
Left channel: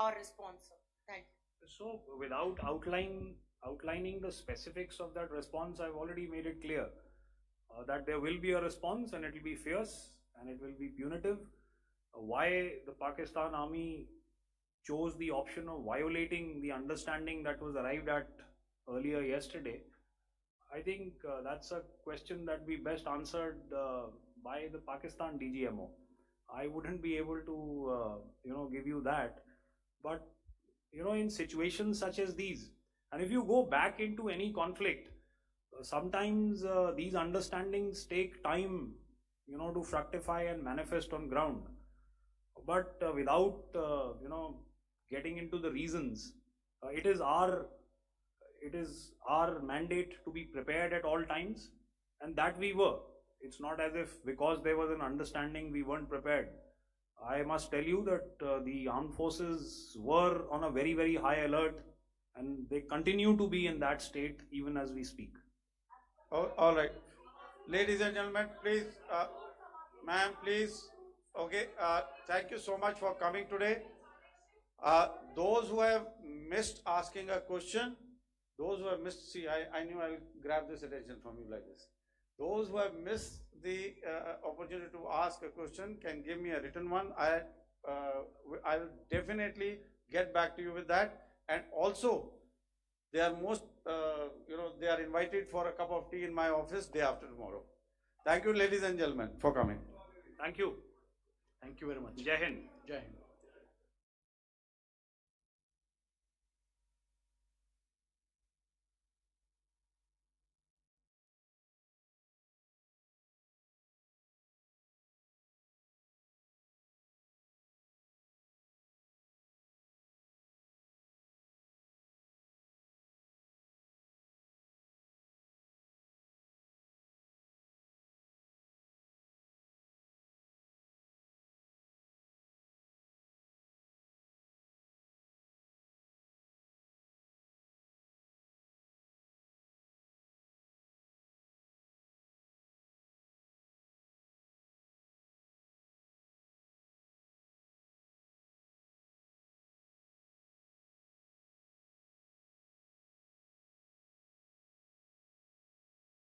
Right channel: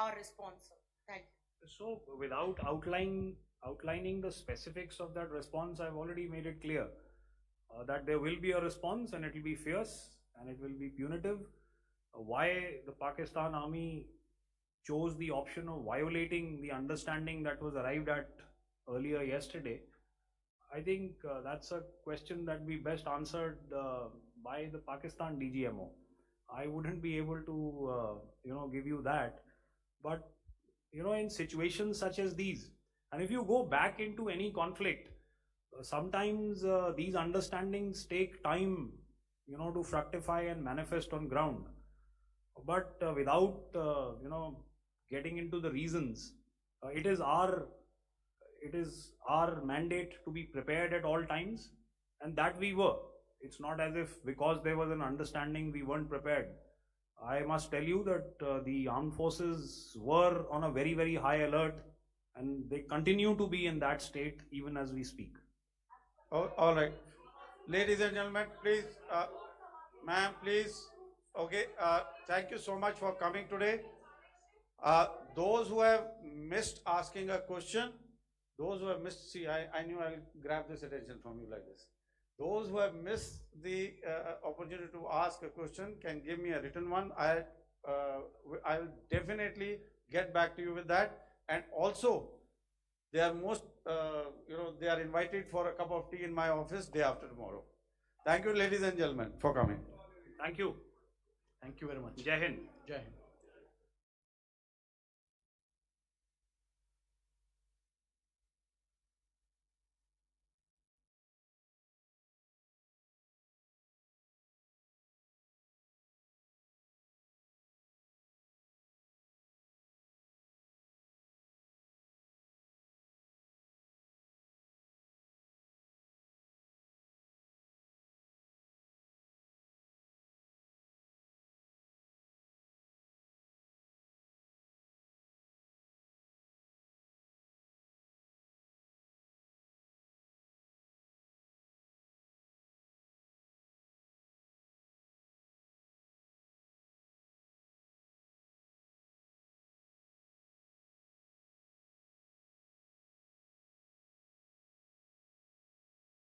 our response, sir? Thank you. So without outlining the specifics of that response, I've already made it clear that there will be a response and it will be fierce and it will be punitive. Why the Pakistan Army chose the option of violating the understanding that was arrived at earlier yesterday, I think that's a question that we best answered by the Pakistan DGMO. I wouldn't be able to give you that, but in situations such as these, and if you go back into any conflict, sometimes these understandings take time to fructify and manifest on ground. But without getting into the reasons, it is our mandate to be prepared at all times, and that we were. It's not as if because there was an understanding we weren't prepared. I must tell you that the armed forces were on a very, very high alert, and they continue to be in that state even as we speak. All right. Ladies and gentlemen, please, ma'am, please. Okay, thank you so much for coming today. Those who have missed asking a question, those who have missed, see, I knew I'll grab this attention from you like this. Those who have missed the opportunity to ask a question can give me a written one. I'll definitely get back to you with that. And also, they are they are invited for a cup of tea in my office day after tomorrow. Thank you, ladies and gentlemen, for coming. Thank you. Thank you very much. Jai Hind. Jai Hind.